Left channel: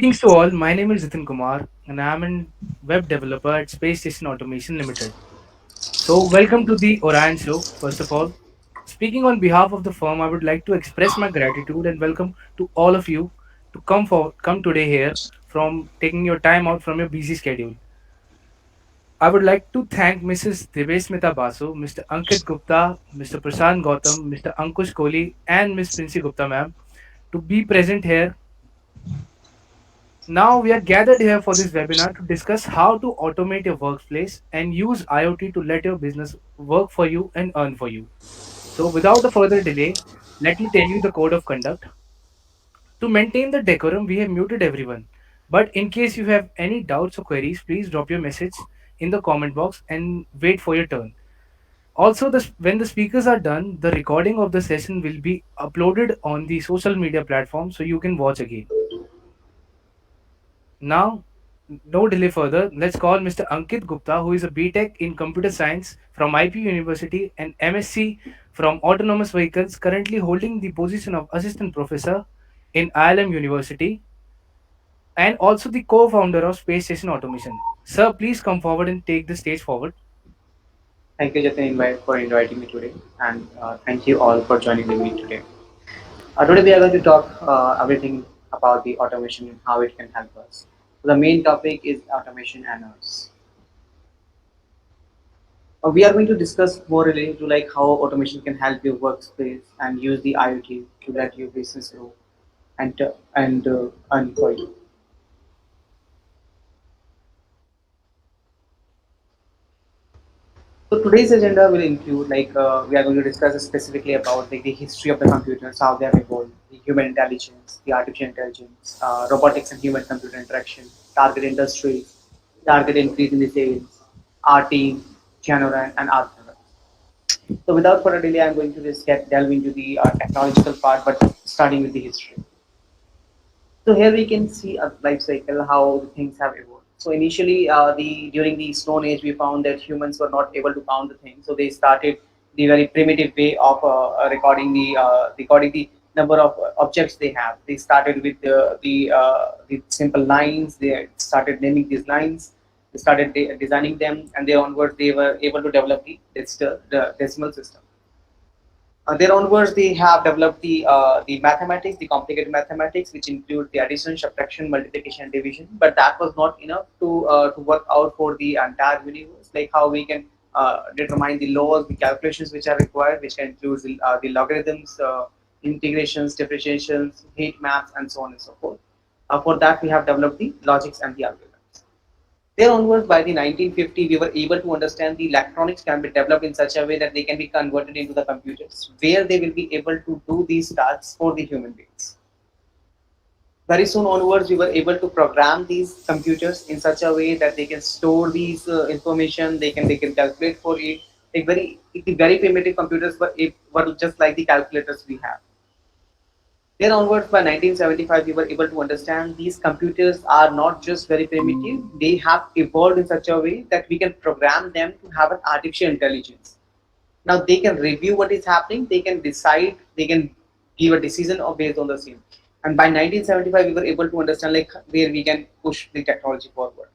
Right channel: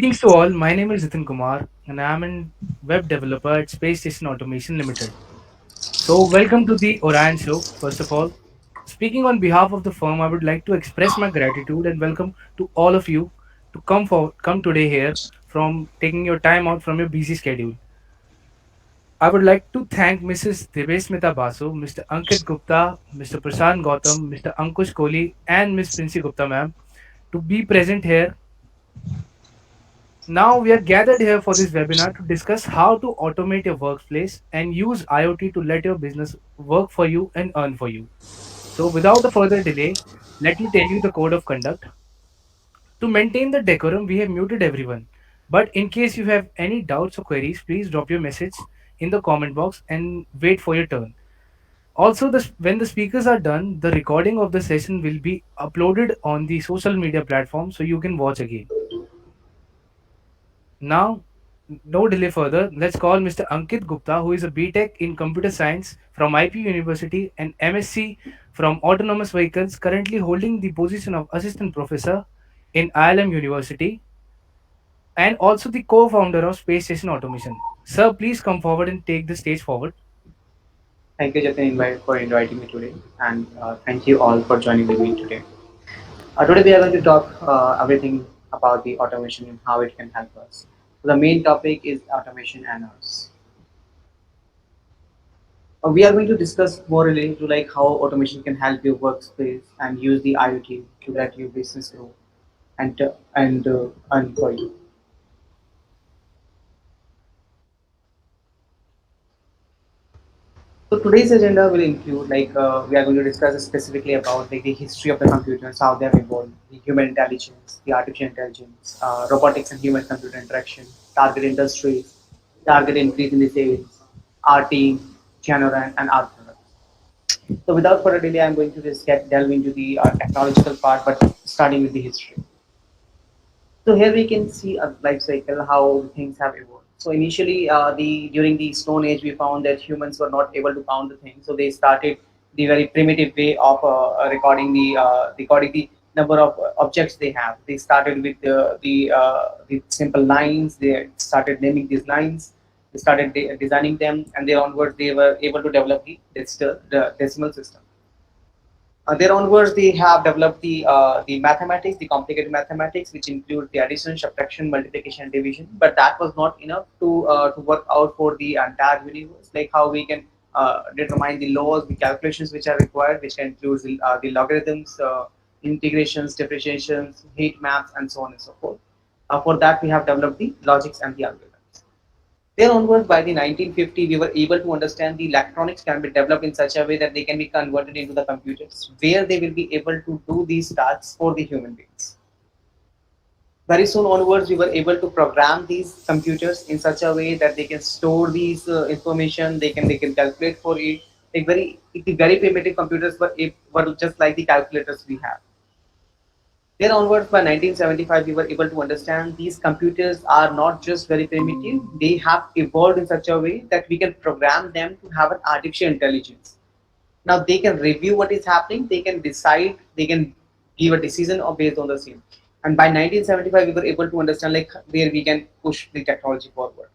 Greetings to all. My name is Nitin Kumar, and I am a web developer at Space Station Automation Limited. So, welcome to the Orion Show. First of all, speaking on behalf of the firm, I would like to express my gratitude and welcome to all of you to come today here from taking your time out from your busy schedule. I would like to thank Mrs. Devesmita Basu, Mr. Ankit Gupta, Mr. Prasant Gautam, Mr. Ankush Kohli, and Ms. Princy Gupta, ma'am, to be present here. Now we are gathered here for this webinar to discuss how to automate your workplace and use IoT to let your business work for you and earn for you. So without a further delay, let me tell you the code of conduct. To maintain the decorum, we have muted everyone. But in case you have any doubts or queries, please drop your message in the comment box and wait for your turn. Also, when the speakers are done, the recording of the session will be uploaded on the social media platform so you can watch again. Now, no delay further, let's call Mr. Ankit Gupta, who is a BTech in Computer Science from IP University and MSc from Autonomous Vehicles, currently holding the position of Assistant Professor in ILM University and also the co-founder of Space Station Automation. Sir, please come forward and take the stage forward. Thank you, Jatin, for inviting me today, and thank you all for joining with me today. Today we are going to talk everything about the automation and how it can help us. So the main topic is automation and us. We are going to discuss more related to like how automation can help your workspace and use the IoT to let your business grow and earn for you. So today's agenda will include we are going to discuss specifically about like the history of the computers, how they have evolved, the human intelligence, the artificial intelligence, robotics and human computer interaction, target industries, target increase in the sales, our team, genre and our products. So without further delay, I'm going to just delve into the technological part, but starting with the history. So here we can see a life cycle how things have evolved. So initially, the during the Stone Age, we found that humans were not able to count the things. So they started the very primitive way of recording the number of objects they have. They started with the simple lines. They started naming these lines. They started designing them, and there onwards they were able to develop the decimal system. There onwards, they have developed the mathematics, the complicated mathematics, which include the addition, subtraction, multiplication, and division. But that was not enough to work out for the entire universe, like how we can determine the laws, the calculations which are required, which can include the logarithms, integrations, differentiations, heat maps, and so on and so forth. For that, we have developed the logics and the algorithms. There onwards, by the 1950, we were able to understand the electronics can be developed in such a way that they can be converted into the computers, where they will be able to do these tasks for the human beings. Very soon onwards, we were able to program these computers in such a way that they can store these information. They can calculate for it. The very primitive computers were just like the calculators we have. Then onwards, by 1975, we were able to understand these computers are not just very primitive, they have evolved in such a way that we can program them to have an artificial intelligence. Now they can review what is happening, they can decide, they can give a decision or based on the same. And by 1975, we were able to understand like where we can push the technology forward.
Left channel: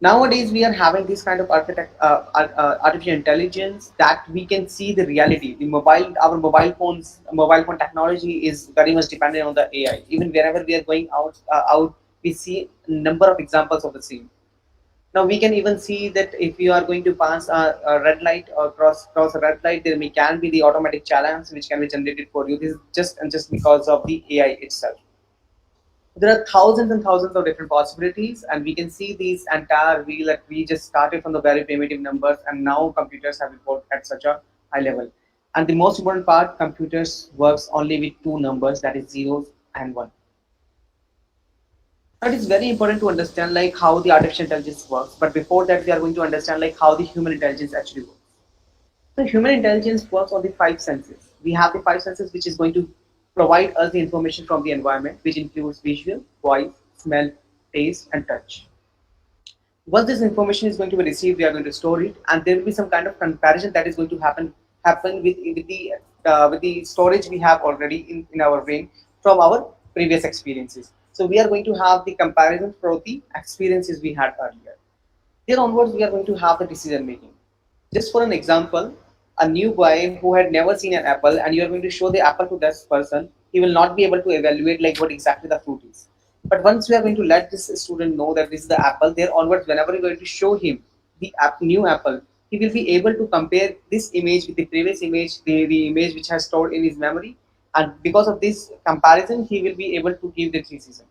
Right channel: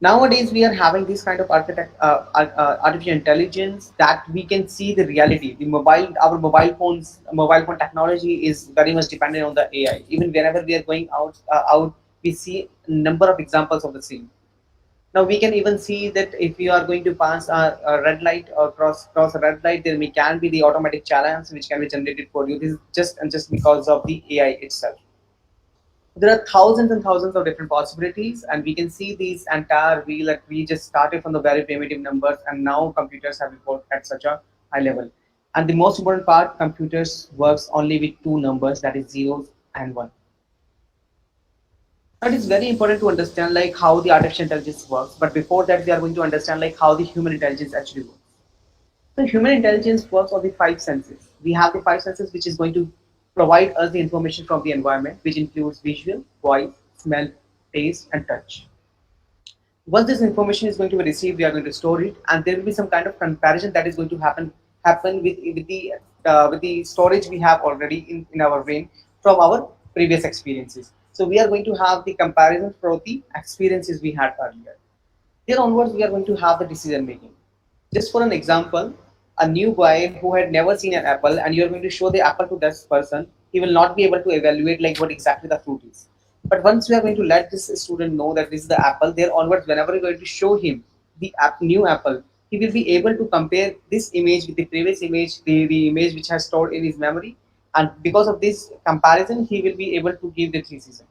Nowadays we are having this kind of artificial intelligence that we can see the reality. Our mobile phone technology is very much dependent on the AI. Even wherever we are going out, we see a number of examples of the same. Now we can even see that if you are going to pass a red light or cross a red light, there may can be the automatic challenge which can be generated for you. This is just because of the AI itself. There are thousands and thousands of different possibilities, and we can see these entire wheel that we just started from the very primitive numbers, and now computers have evolved at such a high level. And the most important part, computers works only with two numbers, that is zeros and one. Now it is very important to understand like how the artificial intelligence works, but before that we are going to understand like how the human intelligence actually works. So human intelligence works on the five senses. We have the five senses which is going to provide us the information from the environment, which includes visual, voice, smell, taste, and touch. Once this information is going to be received, we are going to store it, and there will be some kind of comparison that is going to happen with the storage we have already in our brain from our previous experiences. So we are going to have the comparison for the experiences we had earlier. There onwards, we are going to have the decision making. Just for an example, a new guy who had never seen an apple, and you are going to show the apple to this person, he will not be able to evaluate like what exactly the fruit is. But once we are going to let this student know that this is the apple, there onwards, whenever you're going to show him the new apple, he will be able to compare this image with the previous image, the image which has stored in his memory, and because of this comparison, he will be able to give the decision.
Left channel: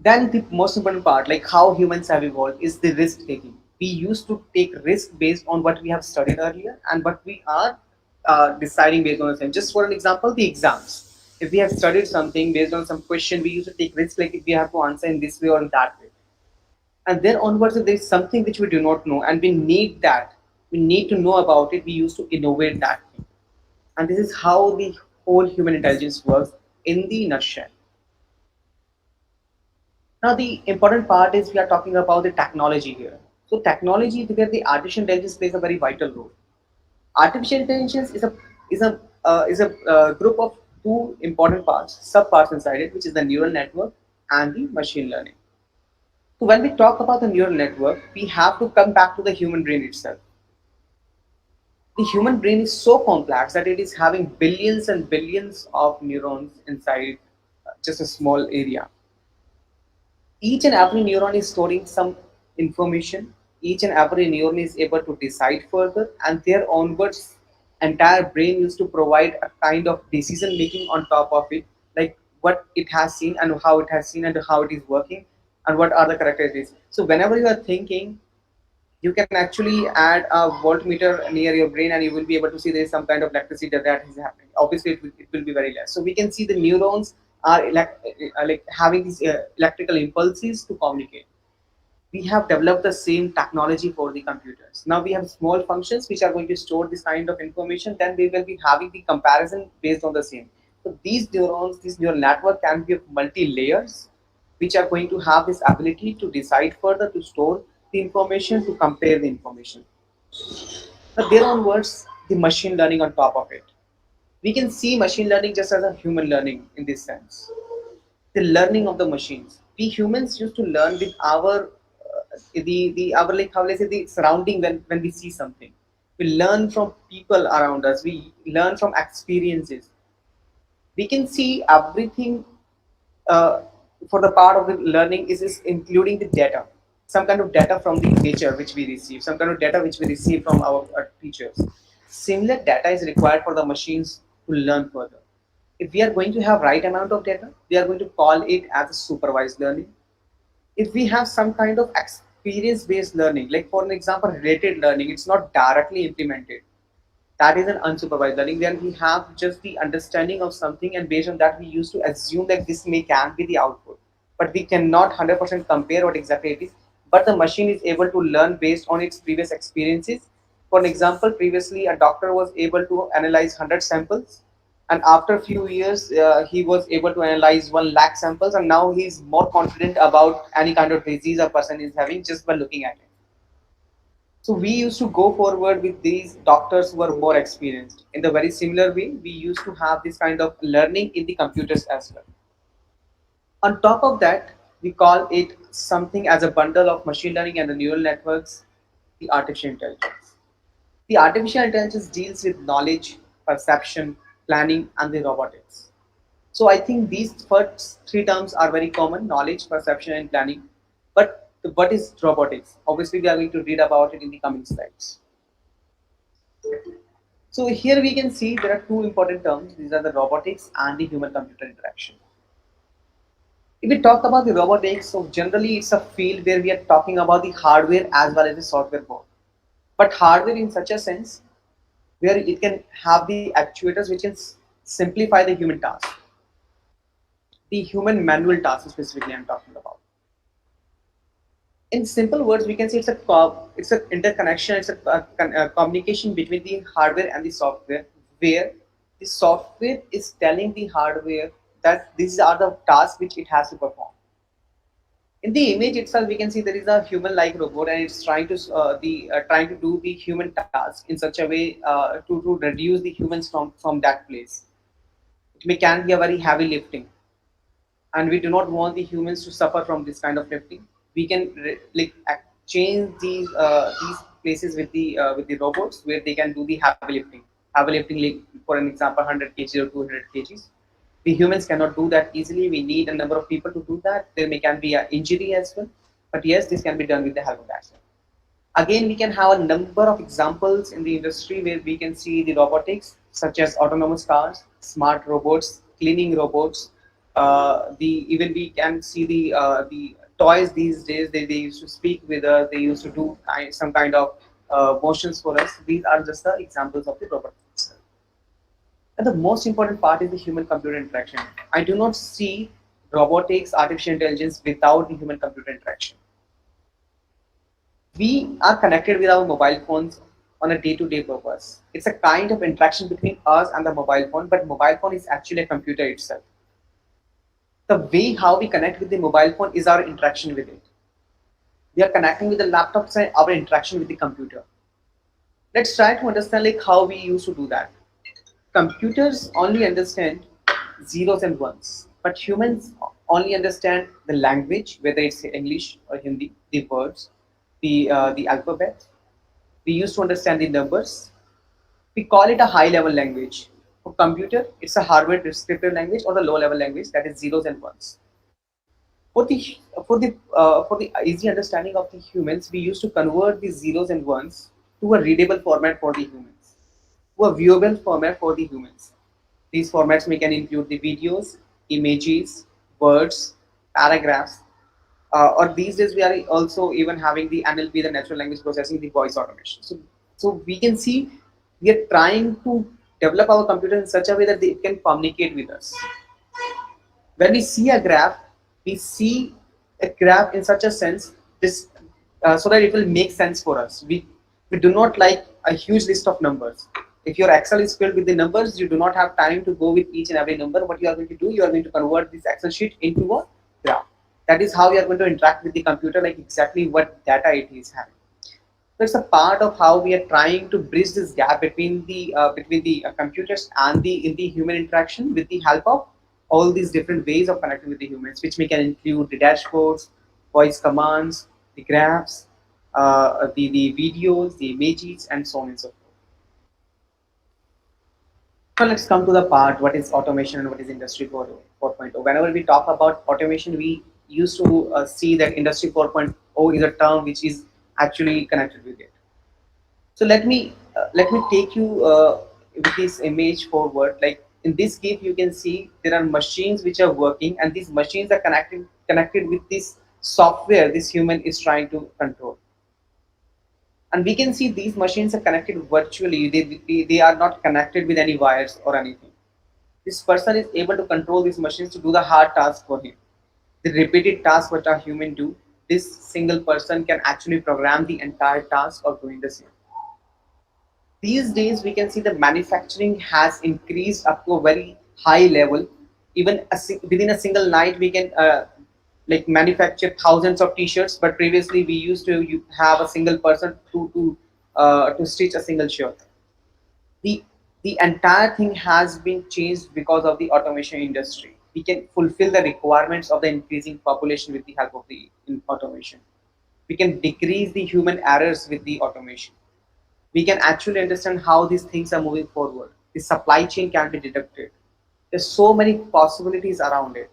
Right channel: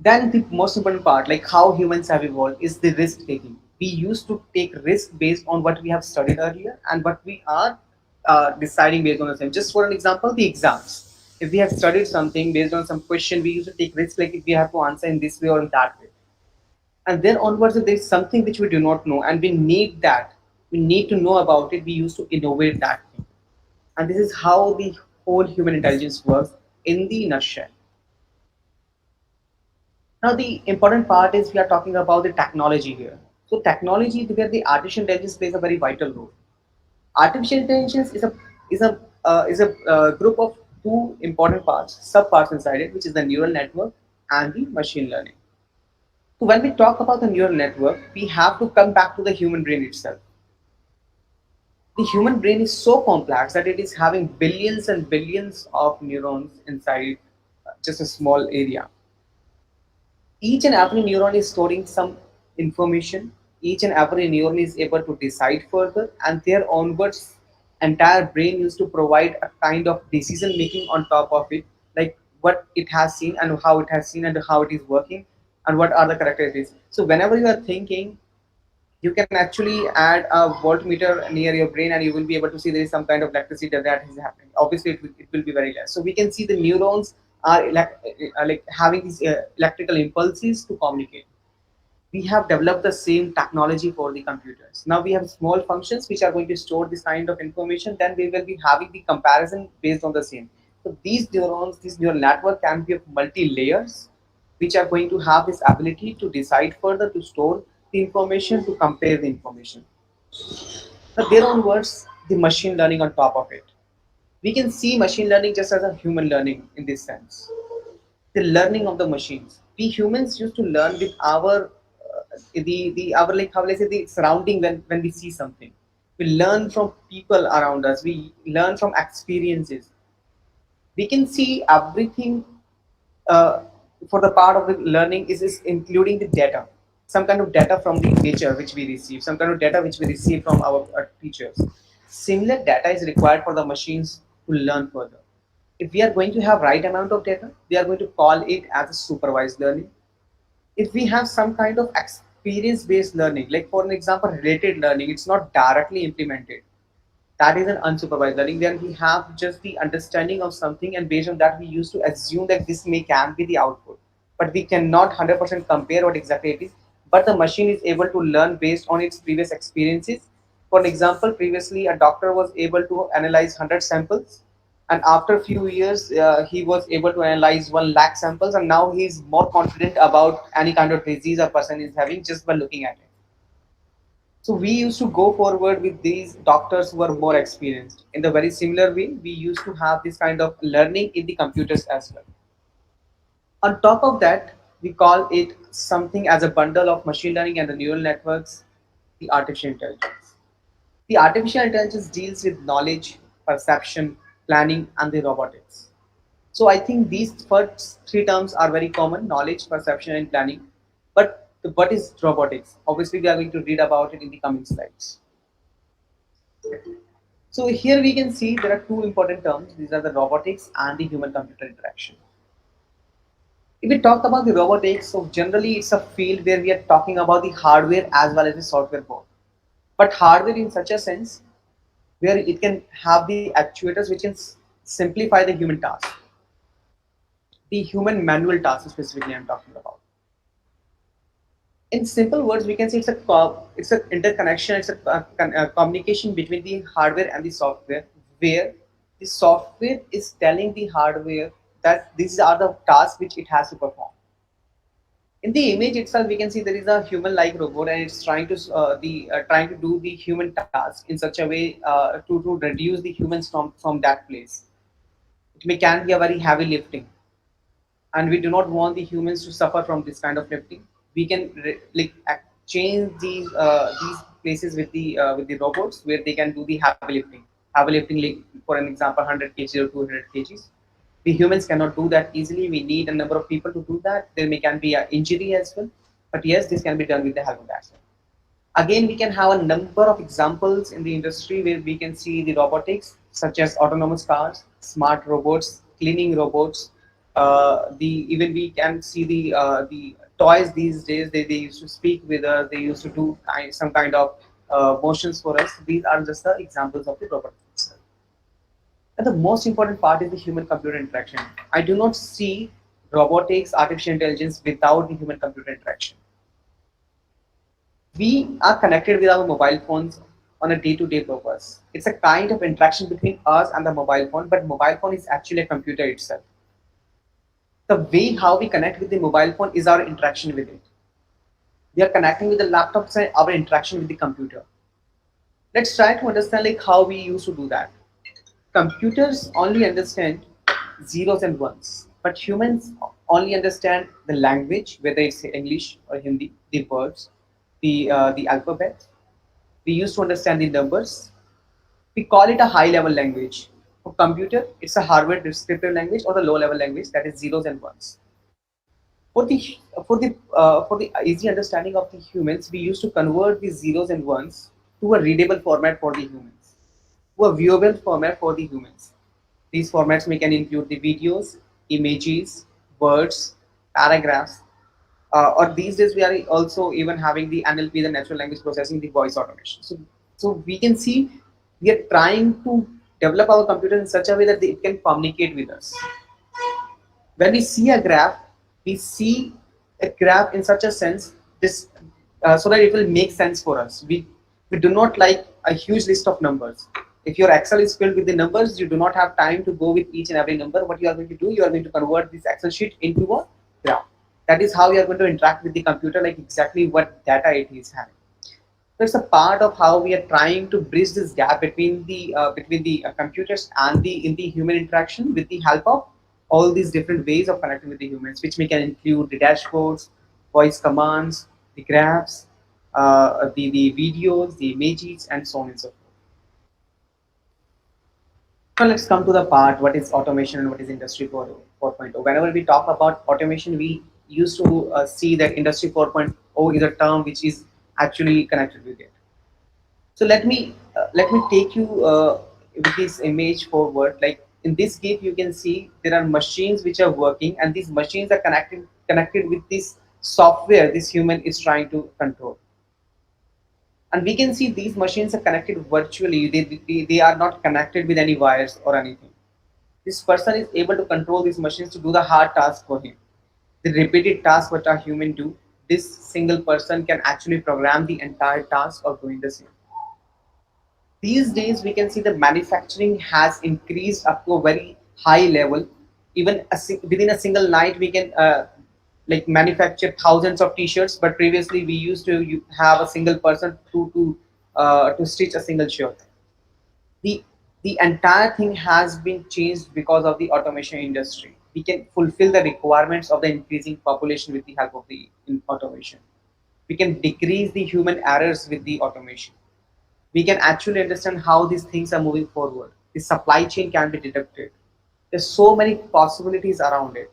Then the most important part, like how humans have evolved, is the risk taking. We used to take risk based on what we have studied earlier and what we are deciding based on the same. Just for an example, the exams. If we have studied something based on some question, we used to take risk, like if we have to answer in this way or in that way. And then onwards, if there is something which we do not know and we need that, we need to know about it, we used to innovate that thing. And this is how the whole human intelligence works in the nutshell. Now, the important part is we are talking about the technology here. So, technology where the artificial intelligence plays a very vital role. Artificial intelligence is a group of two important parts, subparts inside it, which is the neural network and the machine learning. So, when we talk about the neural network, we have to come back to the human brain itself. The human brain is so complex that it is having billions and billions of neurons inside just a small area. Each and every neuron is storing some information. Each and every neuron is able to decide further, and their onwards entire brain used to provide a kind of decision making on top of it, like what it has seen and how it has seen and how it is working and what are the characteristics. So whenever you are thinking, you can actually add a voltmeter near your brain and you will be able to see there is some kind of electricity that is happening. Obviously it will be very less, so we can see the neurons are like having these electrical impulses to communicate. We have developed the same technology for the computers. Now we have small functions which are going to store this kind of information, then we will be having the comparison based on the same. So these neurons, this neural network can be of multi layers, which are going to have this ability to decide further, to store the information, to compare the information. Now there onwards, the machine learning on top of it. We can see machine learning just as a human learning in this sense. The learning of the machines. We humans used to learn with our the our, like, how let's say, the surrounding. When we see something, we learn from people around us, we learn from experiences. We can see everything. uh, for the part of the learning is including the data, some kind of data from the nature which we receive, some kind of data which we receive from our teachers. Similar data is required for the machines to learn further. If we are going to have right amount of data, we are going to call it as a supervised learning. If we have some kind of experience based learning, like for an example related learning, it's not directly implemented, that is an unsupervised learning. Then we have just the understanding of something, and based on that we used to assume that this may can be the output, but we cannot 100% compare what exactly it is. But the machine is able to learn based on its previous experiences. For an example, previously a doctor was able to analyze 100 samples, and after a few years he was able to analyze 1 lakh samples, and now he is more confident about any kind of disease a person is having just by looking at it. So we used to go forward with these doctors who are more experienced. In the very similar way, we used to have this kind of learning in the computers as well. On top of that, we call it something as a bundle of machine learning and the neural networks, the artificial intelligence. The artificial intelligence deals with knowledge, perception, planning, and the robotics. So I think these first three terms are very common: knowledge, perception, and planning. But what is robotics? Obviously, we are going to read about it in the coming slides. So here we can see there are two important terms. These are the robotics and the human-computer interaction. If we talk about the robotics, so generally it's a field where we are talking about the hardware as well as the software both. But hardware in such a sense where it can have the actuators which can simplify the human task, the human manual task specifically I'm talking about. In simple words, we can say it's a interconnection, it's a communication between the hardware and the software, where the software is telling the hardware that these are the tasks which it has to perform. In the image itself, we can see there is a human-like robot, and it's trying to trying to do the human task in such a way to reduce the humans from that place. It may can be a very heavy lifting. and we do not want the humans to suffer from this kind of lifting. We can change these places with the robots where they can do the heavy lifting. Heavy lifting, like for an example, 100 kg or 200 kgs. We humans cannot do that easily. We need a number of people to do that. There may can be an injury as well, but yes, this can be done with the help of that. Again, we can have a number of examples in the industry where we can see the robotics, such as autonomous cars, smart robots, cleaning robots. The even we can see the toys these days. They used to speak with us. They used to do some kind of motions for us. These are just the examples of the robotics. And the most important part is the human-computer interaction. I do not see robotics, artificial intelligence without the human-computer interaction. We are connected with our mobile phones on a day-to-day purpose. It's a kind of interaction between us and the mobile phone, but mobile phone is actually a computer itself. The way how we connect with the mobile phone is our interaction with it. We are connecting with the laptops and our interaction with the computer. Let's try to understand like how we used to do that. Computers only understand zeros and ones, but humans only understand the language, whether it's English or Hindi, the words, the alphabet. We used to understand the numbers. We call it a high level language. For computer, it's a hardware descriptive language or the low level language that is zeros and ones. For the easy understanding of the humans, we used to convert the zeros and ones to a readable format for the humans, to a viewable format for the humans. These formats may can include the videos, images, words, paragraphs, or these days we are also even having the NLP, the natural language processing, the voice automation. So we can see we are trying to develop our computer in such a way that it can communicate with us. When we see a graph, we see a graph in such a sense this so that it will make sense for us. We do not like a huge list of numbers. If your Excel is filled with the numbers, you do not have time to go with each and every number. What you are going to do, you are going to convert this Excel sheet into a graph. That is how you are going to interact with the computer, like exactly what data it is having. So it's a part of how we are trying to bridge this gap between the computers and the in the human interaction with the help of all these different ways of connecting with the humans, which we can include the dashboards, voice commands, the graphs, the videos, the images, and so on and so forth. Now let's come to the part what is automation and what is Industry 4.0. Whenever we talk about automation, we used to see that Industry 4.0 is a term which is actually connected with it. So let me take you with this image forward. Like in this gif, you can see there are machines which are working, and these machines are connected with this software this human is trying to control. And we can see these machines are connected virtually. They are not connected with any wires or anything. This person is able to control these machines to do the hard task for him. The repeated task what a human do, this single person can actually program the entire task of doing the same. These days we can see the manufacturing has increased up to a very high level. Even within a single night we can like manufacture thousands of t-shirts, but previously we used to have a single person to stitch a single shirt. The the entire thing has been changed because of the automation industry. We can fulfill the requirements of the increasing population with the help of the automation. We can decrease the human errors with the automation. We can actually understand how these things are moving forward. The supply chain can be deducted. There's so many possibilities around it.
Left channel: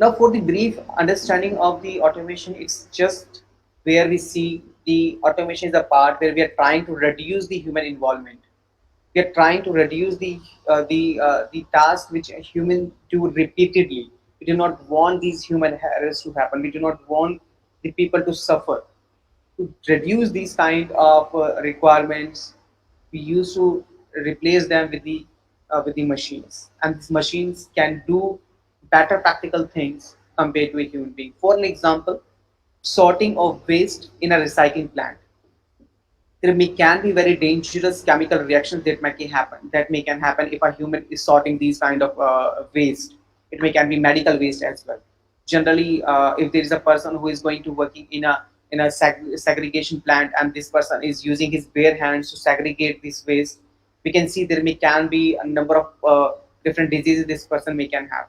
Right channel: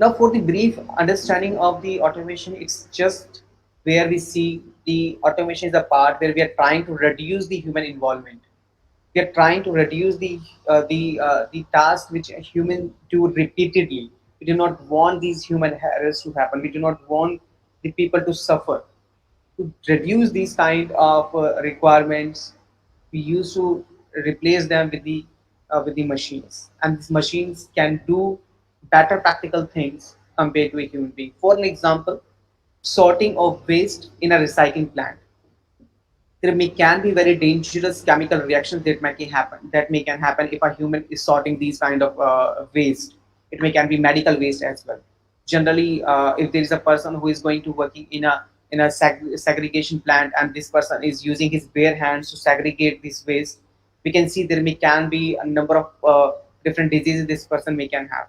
Now, for the brief understanding of the automation, it's just where we see the automation is a part where we are trying to reduce the human involvement. We are trying to reduce the task which a human do repeatedly. We do not want these human errors to happen. We do not want the people to suffer. To reduce these kind of requirements, we used to replace them with the machines, and these machines can do better practical things compared to a human being. For an example, sorting of waste in a recycling plant. There may can be very dangerous chemical reactions that may can happen if a human is sorting these kind of waste. It may can be medical waste as well. Generally, if there is a person who is going to working in a segregation plant, and this person is using his bare hands to segregate this waste, we can see there may can be a number of different diseases this person may can have.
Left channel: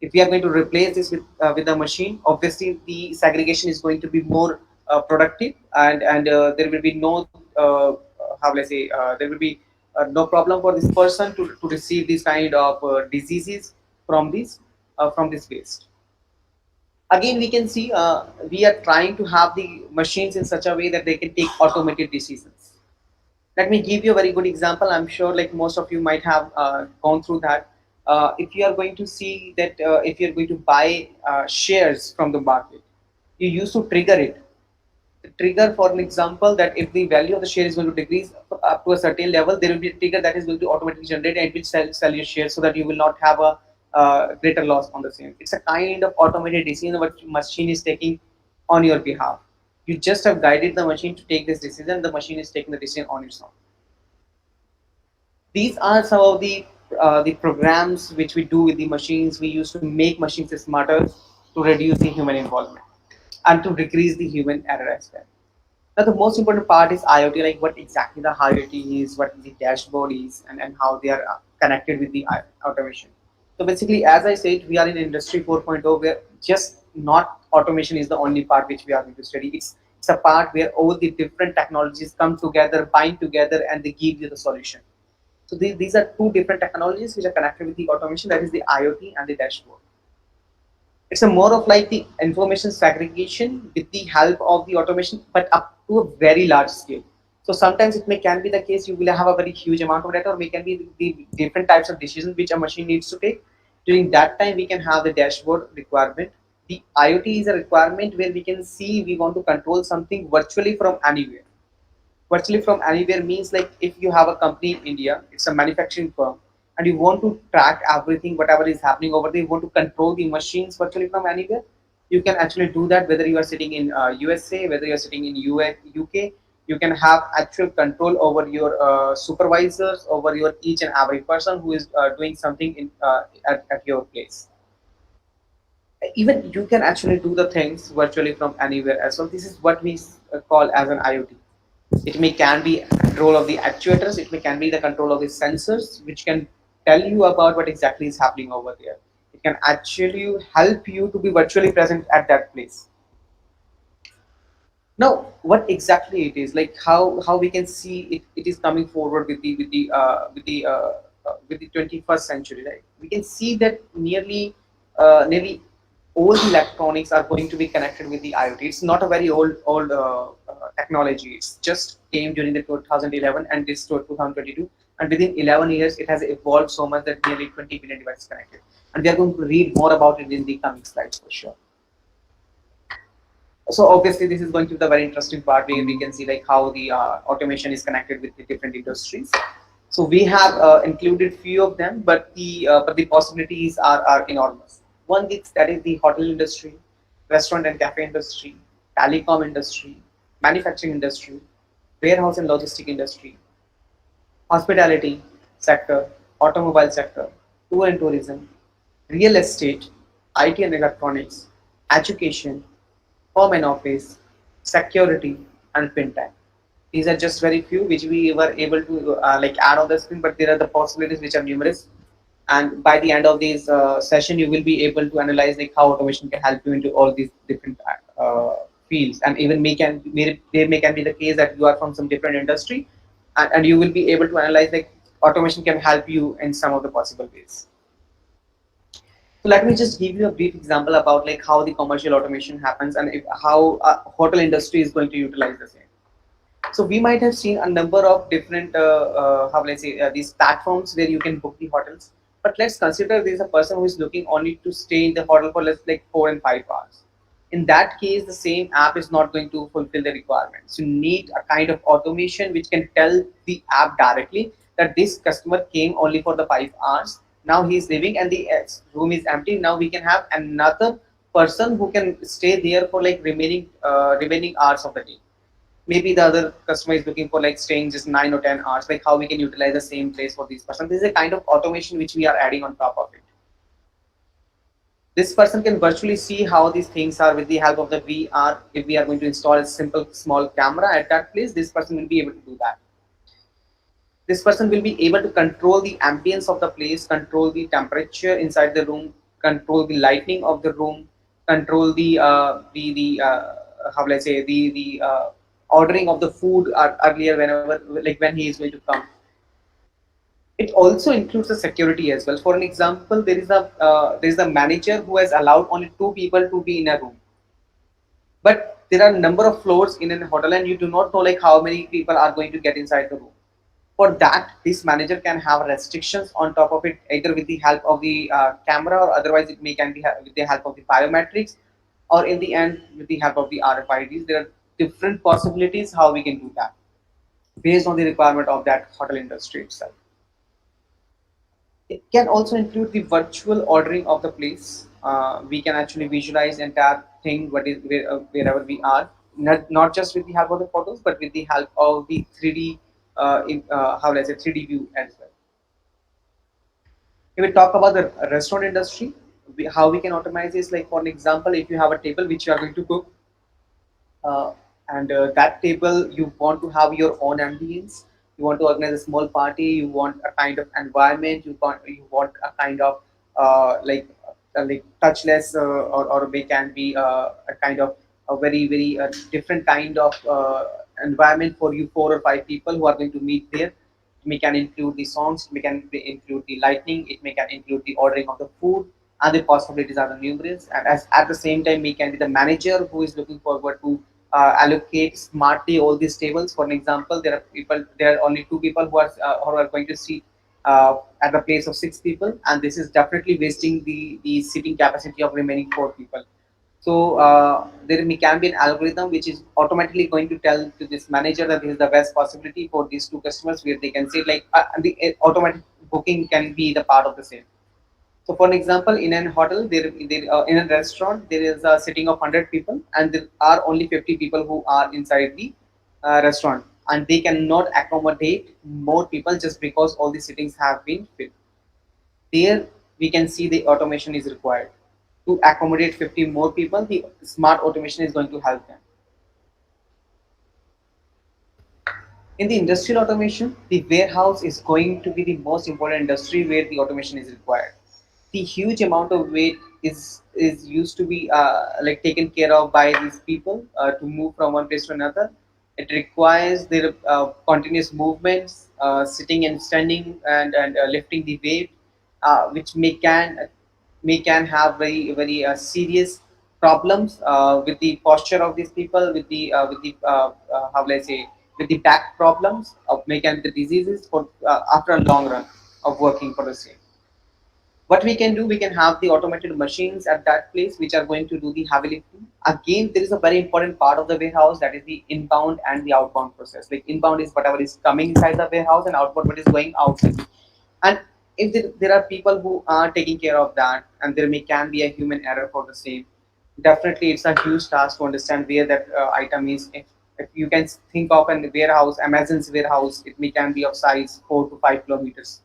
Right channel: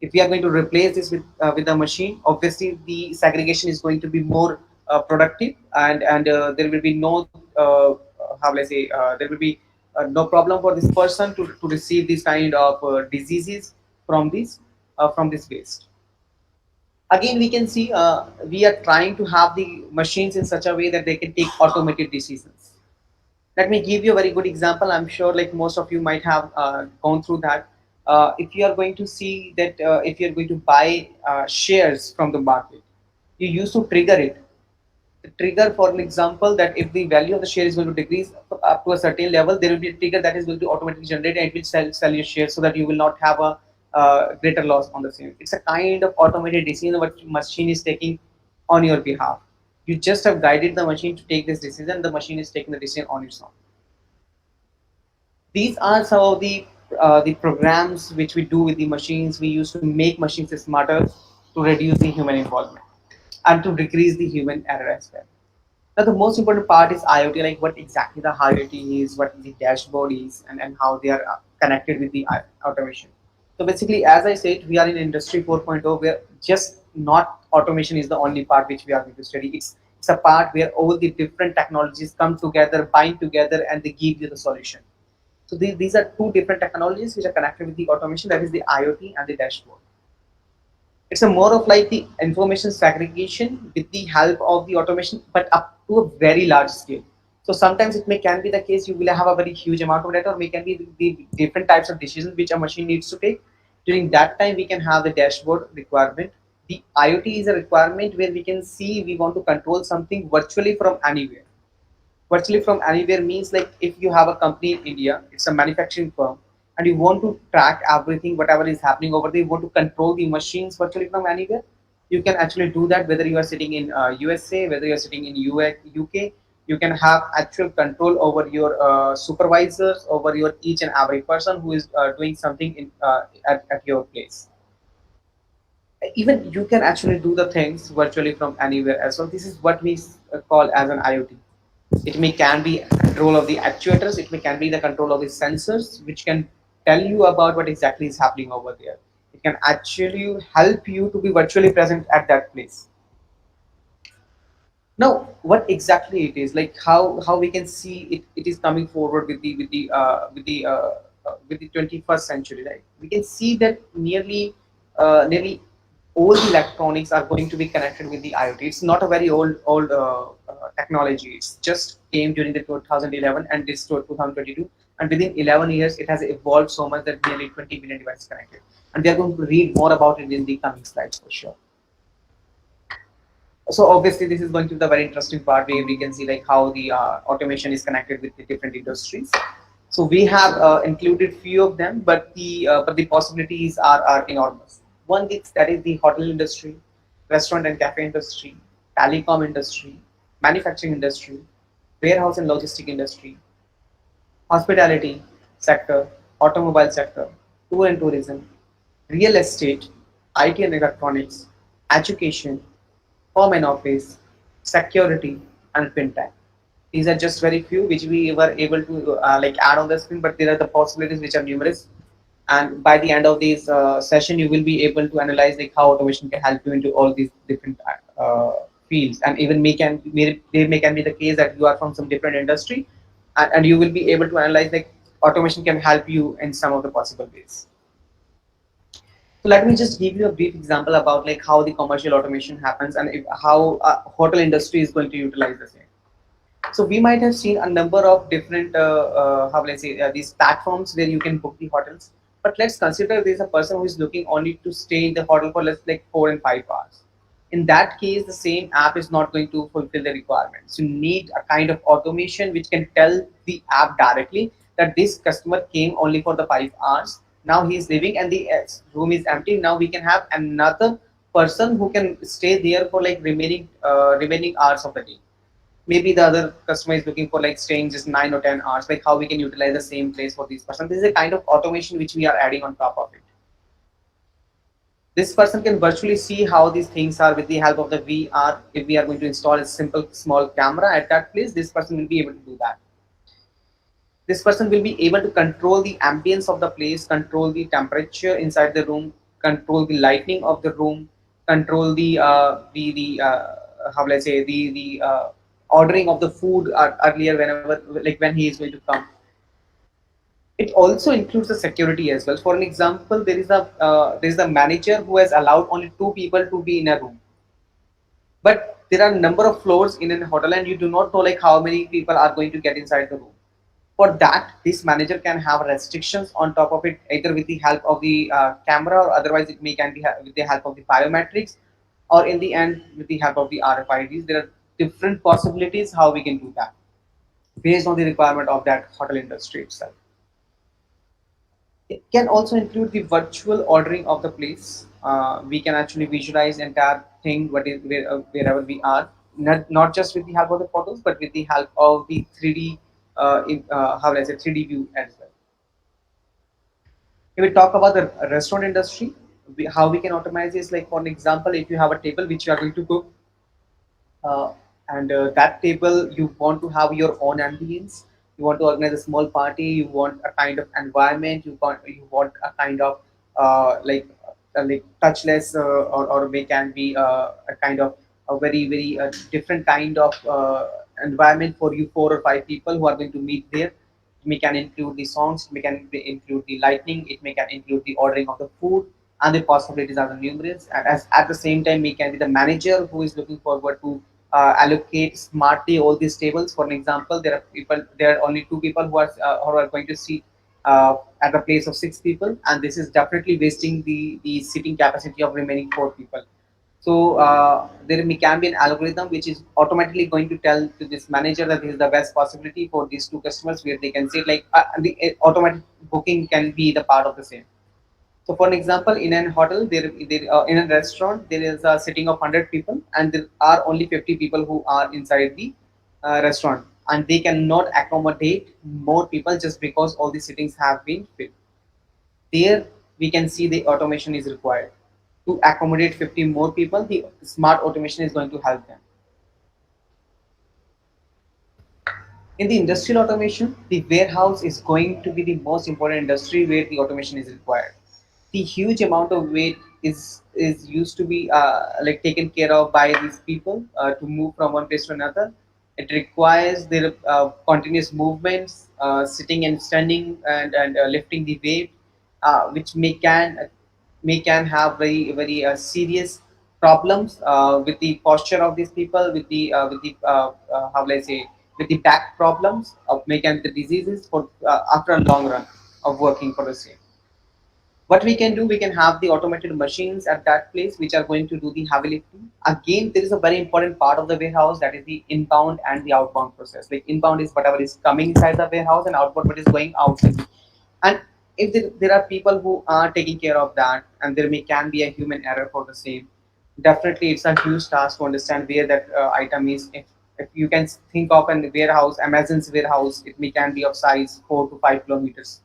If we are going to replace this with the machine, obviously the segregation is going to be more productive, and there will be no how will I say there will be no problem for this person to receive this kind of diseases from this waste. Again, we can see we are trying to have the machines in such a way that they can take automated decisions. Let me give you a very good example. I'm sure like most of you might have gone through that. If you are going to see that if you're going to buy shares from the market, you used to trigger it. The trigger, for an example, that if the value of the share is going to decrease up to a certain level, there will be a trigger that is going to automatically generate and it will sell your shares so that you will not have a greater loss on the same. It's a kind of automated decision what machine is taking on your behalf. You just have guided the machine to take this decision. The machine is taking the decision on its own. These are some of the programs which we do with the machines. We use to make machines smarter, to reduce the human involvement, and to decrease the human error as well. Now, the most important part is IoT, like what exactly the IoT is, what the dashboard is, and how they are connected with the automation. So basically, as I said, we are in Industry 4.0 where just not automation is the only part which we are going to study. It's a part where all the different technologies come together, bind together, and they give you the solution. So these are two different technologies which are connected with the automation, that is the IoT and the dashboard. It's a more of like the information segregation with the help of the automation, but up to a very large scale. So sometimes it may can be the case you will have a very huge amount of data, or may can be the different types of decisions which a machine needs to take. During that time, we can have the dashboard requirement. The IoT is a requirement where we can see we want to control something virtually from anywhere. Virtually from anywhere means like if you have a company in India, it's a manufacturing firm, and you want to track everything, whatever is happening over there, you want to control the machines virtually from anywhere, you can actually do that whether you are sitting in USA, whether you are sitting in UK. You can have actual control over your supervisors, over your each and every person who is doing something at your place. Even you can actually do the things virtually from anywhere as well. This is what we call as an IoT. It may can be control of the actuators, it may can be the control of the sensors, which can tell you about what exactly is happening over there. It can actually help you to be virtually present at that place. Now, what exactly it is, like how we can see it is coming forward with the 21st century, right? We can see that nearly all the electronics are going to be connected with the IoT. It's not a very old technology. It's just came during the 2011 and this to 2022, and within 11 years it has evolved so much that nearly 20 billion devices connected. And we are going to read more about it in the coming slides for sure. So obviously this is going to be the very interesting part where we can see like how the automation is connected with the different industries. So we have included few of them, but the possibilities are enormous. One is that is the hotel industry, restaurant and cafe industry, telecom industry, manufacturing industry, warehouse and logistic industry, hospitality sector, automobile sector, tour and tourism, real estate, IT and electronics, education, home and office, security, and fintech. These are just very few which we were able to like add on the screen, but there are the possibilities which are numerous. And by the end of this session, you will be able to analyze like how automation can help you into all these different fields, and even there may can be the case that you are from some different industry, and you will be able to analyze like automation can help you in some of the possible ways. So let me just give you a brief example about like how the commercial automation happens and how hotel industry is going to utilize the same. So we might have seen a number of different, how will I say, these platforms where you can book the hotels. But let's consider there's a person who is looking only to stay in the hotel for let's like 4 and 5 hours. In that case, the same app is not going to fulfill the requirements. You need a kind of automation which can tell the app directly that this customer came only for the 5 hours. Now he is leaving and the room is empty. Now we can have another person who can stay there for like remaining hours of the day. Maybe the other customer is looking for like staying just 9 or 10 hours, like how we can utilize the same place for this person. This is a kind of automation which we are adding on top of it. This person can virtually see how these things are with the help of the VR. If we are going to install a simple small camera at that place, this person will be able to do that. This person will be able to control the ambience of the place, control the temperature inside the room, control the lighting of the room, control the how will I say the ordering of the food earlier whenever, like when he is going to come. It also includes the security as well. For an example, there is a manager who has allowed only two people to be in a room, but there are a number of floors in a hotel and you do not know like how many people are going to get inside the room. For that, this manager can have restrictions on top of it, either with the help of the camera, or otherwise it may can be with the help of the biometrics, or in the end with the help of the RFIDs. There are different possibilities how we can do that based on the requirement of that hotel industry itself. It can also include the virtual ordering of the place. We can actually visualize entire thing wherever we are, not just with the help of the photos, but with the help of the 3D, how will I say, 3D view as well. If we talk about the restaurant industry, how we can automate is like, for an example, if you have a table which you are going to cook, uh, and that table you want to have your own ambience, you want to organize a small party, you want a kind of environment, you want a kind of like touchless, or may can be a kind of a very different kind of environment for you, four or five people who are going to meet there. It may can include the songs, it may can include the lighting, it may can include the ordering of the food, and the possibilities are numerous. And as at the same time, we can be the manager who is looking forward to allocate smartly all these tables. For an example, there are only two people who are going to sit at the place of six people, and this is definitely wasting the seating capacity of remaining four people. So can be an algorithm which is automatically going to tell to this manager that this is the best possibility for these two customers, where they can say like the automatic booking can be the part of the same. So, for an example, in an hotel, in a restaurant, there is a sitting of 100 people, and there are only 50 people who are inside the restaurant, and they cannot accommodate more people just because all the sittings have been filled. There, we can see the automation is required to accommodate 50 more people. The smart automation is going to help them. In the industrial automation, the warehouse is going to be the most important industry where the automation is required. The huge amount of weight is used to be like taken care of by these people to move from one place to another. It requires their continuous movements, sitting and standing, and lifting the weight, which may can have very serious problems with the posture of these people, with the how will I say, with the back problems, of may can the diseases for after a long run of working for the same. What we can do, we can have the automated machines at that place which are going to do the heavy lifting. Again, there is a very important part of the warehouse, that is the inbound and the outbound process. Like inbound is whatever is coming inside the warehouse, and outbound what is going outside. And if there are people who are taking care of that, and there may can be a human error for the same, definitely it's a huge task to understand where that item is. If you can think of an warehouse, Amazon's warehouse, it may can be of size 4 to 5 kilometers.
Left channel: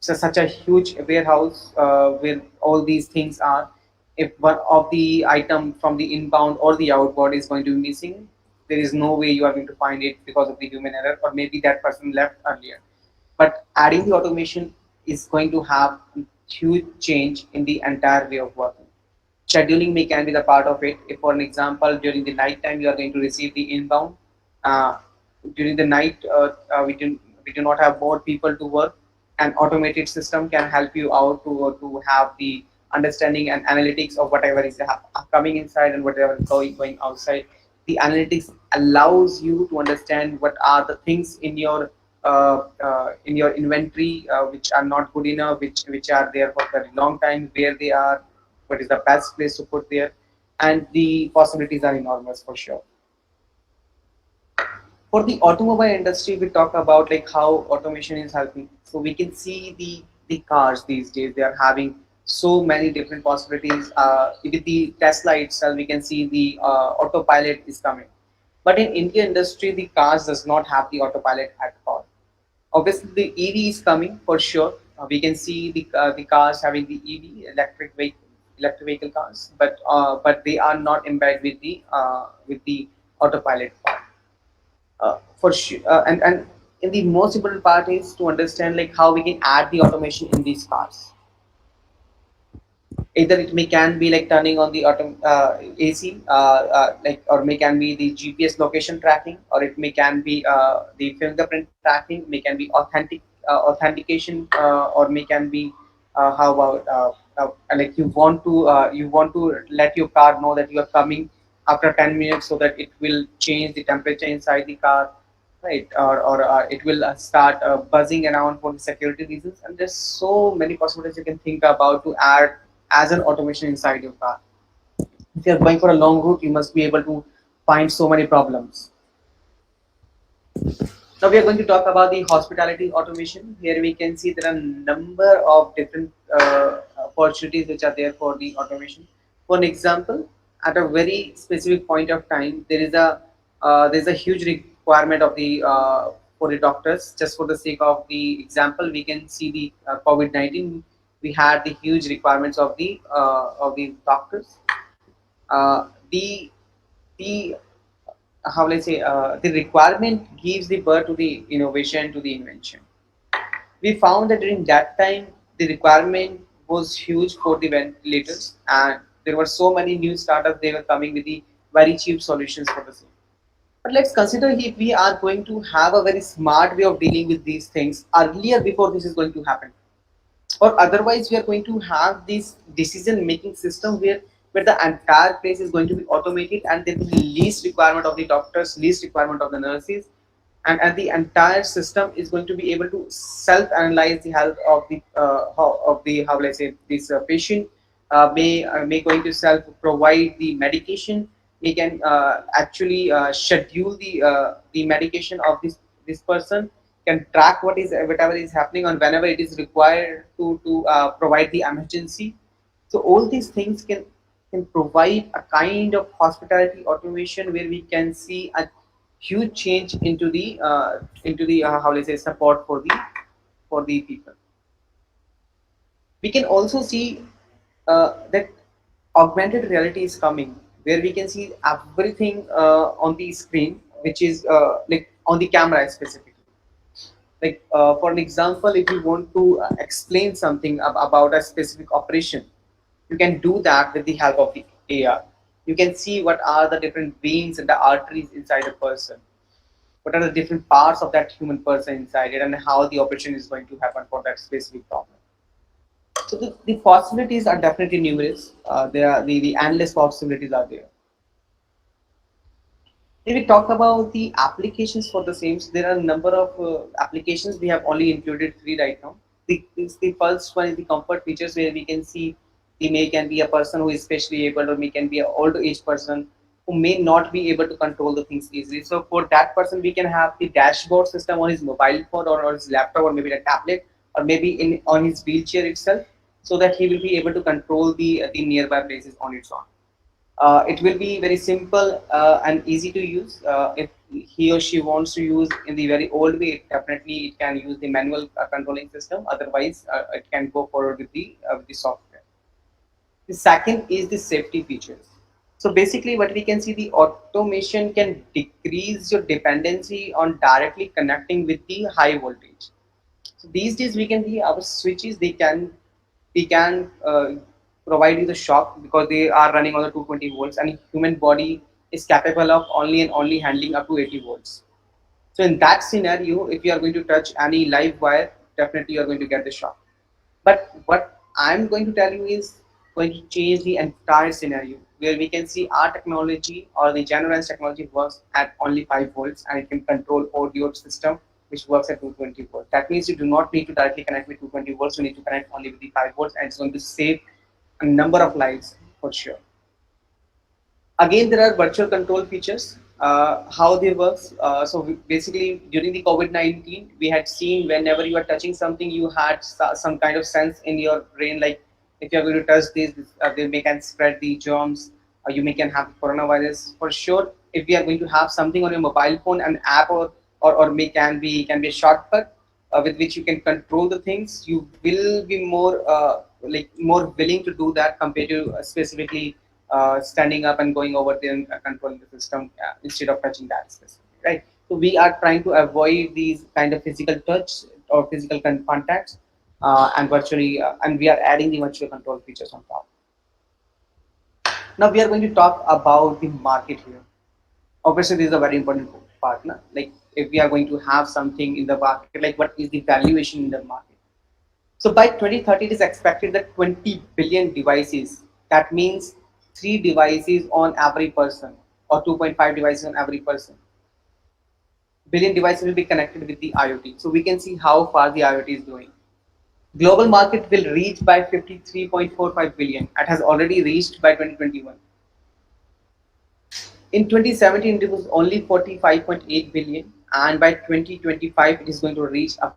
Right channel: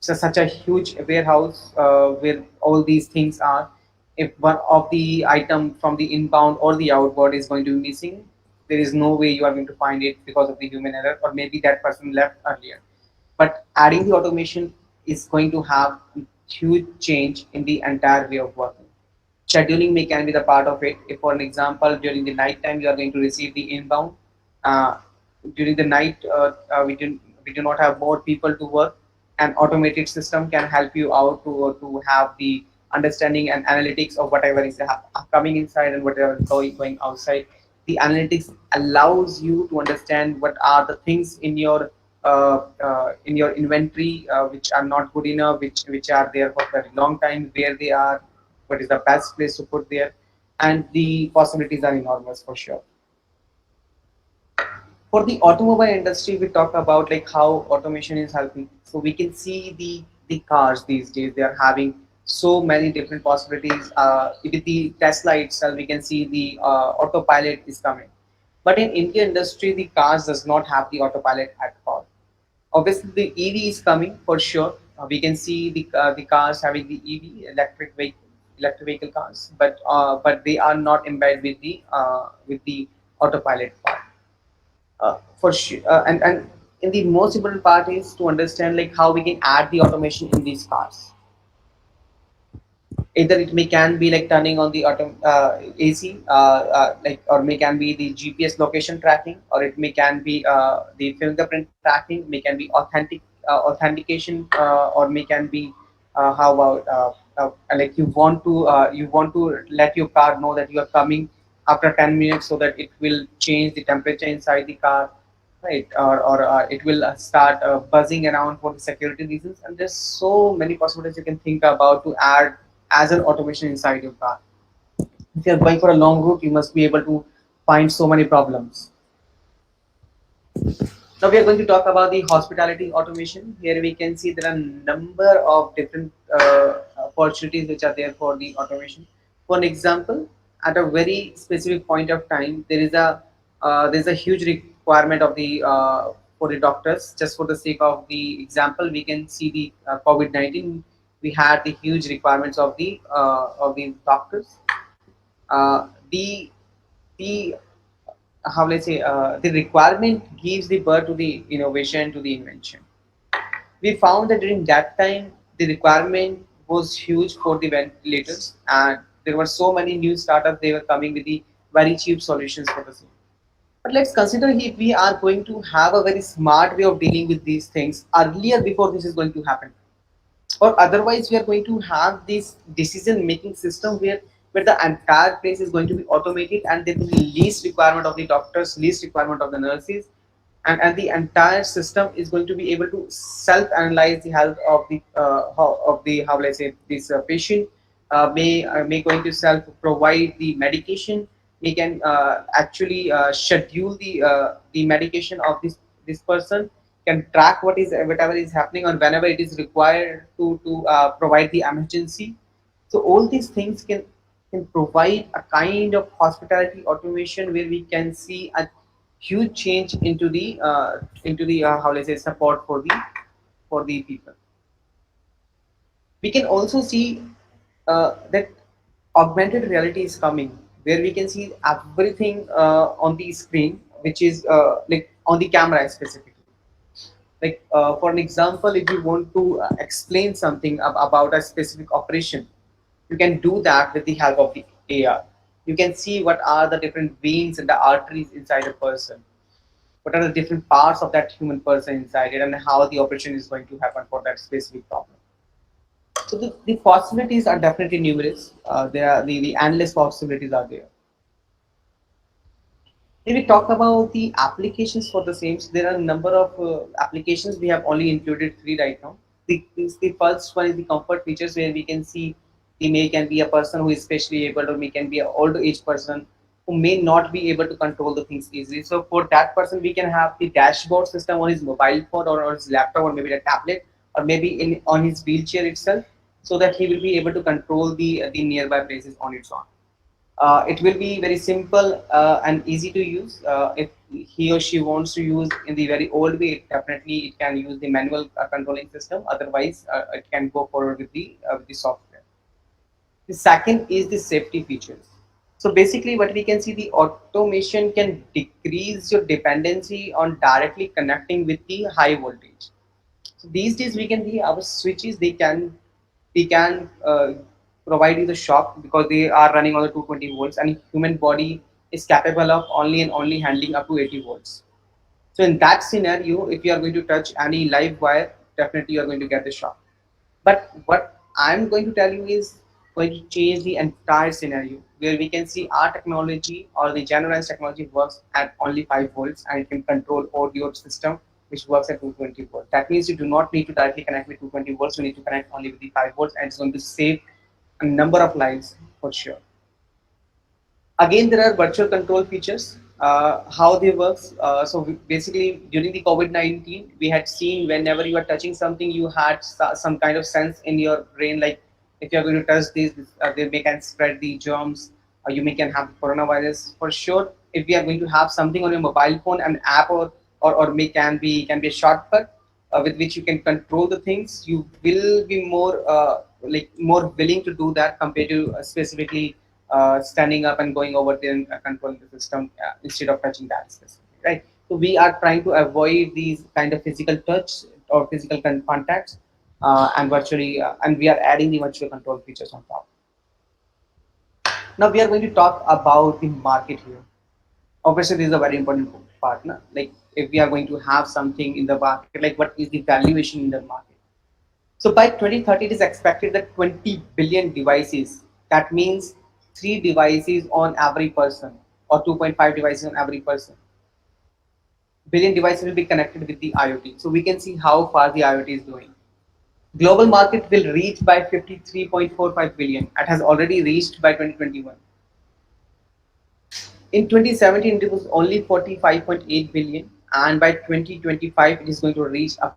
So such a huge warehouse where all these things are. If one of the item from the inbound or the outbound is going to be missing, there is no way you are going to find it because of the human error, or maybe that person left earlier. But adding the automation is going to have huge change in the entire way of working. Scheduling may can be the part of it. If, for an example, during the night time you are going to receive the inbound, uh, during the night we do not have more people to work. An automated system can help you out to have the understanding and analytics of whatever is coming inside and whatever is going outside. The analytics allows you to understand what are the things in your inventory which are not good enough, which are there for a very long time, where they are, what is the best place to put there, and the possibilities are enormous for sure. For the automobile industry, we talk about like how automation is helping. So we can see the cars these days, they are having so many different possibilities. With the Tesla itself, we can see the autopilot is coming. But in Indian industry, the cars does not have the autopilot at all. Obviously, the EV is coming for sure. We can see the cars having the EV, electric vehicle cars, but they are not embedded with the autopilot part. For sure, and in the most important part is to understand like how we can add the automation in these cars. Either it may can be like turning on the AC, like, or may can be the GPS location tracking, or it may can be the fingerprint tracking, may can be authentication, or may can be how about like you want to let your car know that you are coming after 10 minutes, so that it will change the temperature inside the car, right? Or it will start buzzing around for the security reasons. And there's so many possibilities you can think about to add as an automation inside your car. If you're going for a long route, you must be able to find so many problems. Now we are going to talk about the hospitality automation. Here we can see there are a number of different opportunities which are there for the automation. For an example, at a very specific point of time, there is a huge requirement of the for the doctors. Just for the sake of the example, we can see the COVID-19. We had the huge requirements of the doctors. Uh, the the how let's say the requirement gives the birth to the innovation, to the invention. We found that during that time the requirement was huge for the ventilators, and there were so many new startups, they were coming with the very cheap solutions for the same. But let's consider if we are going to have a very smart way of dealing with these things earlier before this is going to happen, or otherwise we are going to have this decision making system where the entire place is going to be automated, and there will be least requirement of the doctors, least requirement of the nurses, and the entire system is going to be able to self analyze the health of the how will I say this patient, may going to self provide the medication, we can actually schedule the medication of this person, can track what is whatever is happening, or whenever it is required to provide the emergency. So all these things can provide a kind of hospitality automation where we can see a huge change into the how let's say support for the people. We can also see that augmented reality is coming, where we can see everything on the screen, which is like on the camera specifically. Like for an example, if you want to explain something about a specific operation, you can do that with the help of the AR. You can see what are the different veins and the arteries inside a person, what are the different parts of that human person inside it, and how the operation is going to happen for that specific problem. So the possibilities are definitely numerous. There are the endless possibilities are there. If we talk about the applications for the same, so there are a number of applications. We have only included three right now. The first one is the comfort features, where we can see the may can be a person who is specially able, or may can be an older age person who may not be able to control the things easily. So for that person, we can have the dashboard system on his mobile phone, or his laptop, or maybe a tablet, or maybe in on his wheelchair itself, so that he will be able to control the nearby places on its own. It will be very simple and easy to use. If he or she wants to use in the very old way, definitely it can use the manual controlling system. Otherwise, it can go forward with the software. The second is the safety features. So basically, what we can see, the automation can decrease your dependency on directly connecting with the high voltage. So these days we can see our switches, they can provide you the shock because they are running on the 220 volts, and human body is capable of only and only handling up to 80 volts. So in that scenario, if you are going to touch any live wire, definitely you are going to get the shock. But what I'm going to tell you is going to change the entire scenario, where we can see our technology, or the generalized technology, works at only 5 volts, and it can control audio system which works at 220 volts. That means you do not need to directly connect with 220 volts, you need to connect only with the 5 volts, and it's going to save a number of lives for sure. Again, there are virtual control features. How they work. Basically, during the COVID-19, we had seen whenever you are touching something, you had some kind of sense in your brain, like if you are going to touch this, they may can spread the germs, or you may can have coronavirus for sure. If we are going to have something on your mobile phone, an app, or may can be a shortcut with which you can control the things, you will be more like more willing to do that compared to specifically standing up and going over there and controlling the system instead of touching that specifically, right? So we are trying to avoid these kind of physical touch or physical contacts, and we are adding the virtual control features on top. Now we are going to talk about the market here. Obviously, this is a very important part. Na? Like if we are going to have something in the market, like what is the valuation in the market? So by 2030, it is expected that 20 billion devices, that means 3 devices on every person or 2.5 devices on every person, billion devices will be connected with the IoT. So we can see how far the IoT is going. Global market will reach by 53.45 billion. It has already reached by 2021. In 2017, it was only 45.8 billion, and by 2025, it is going to reach up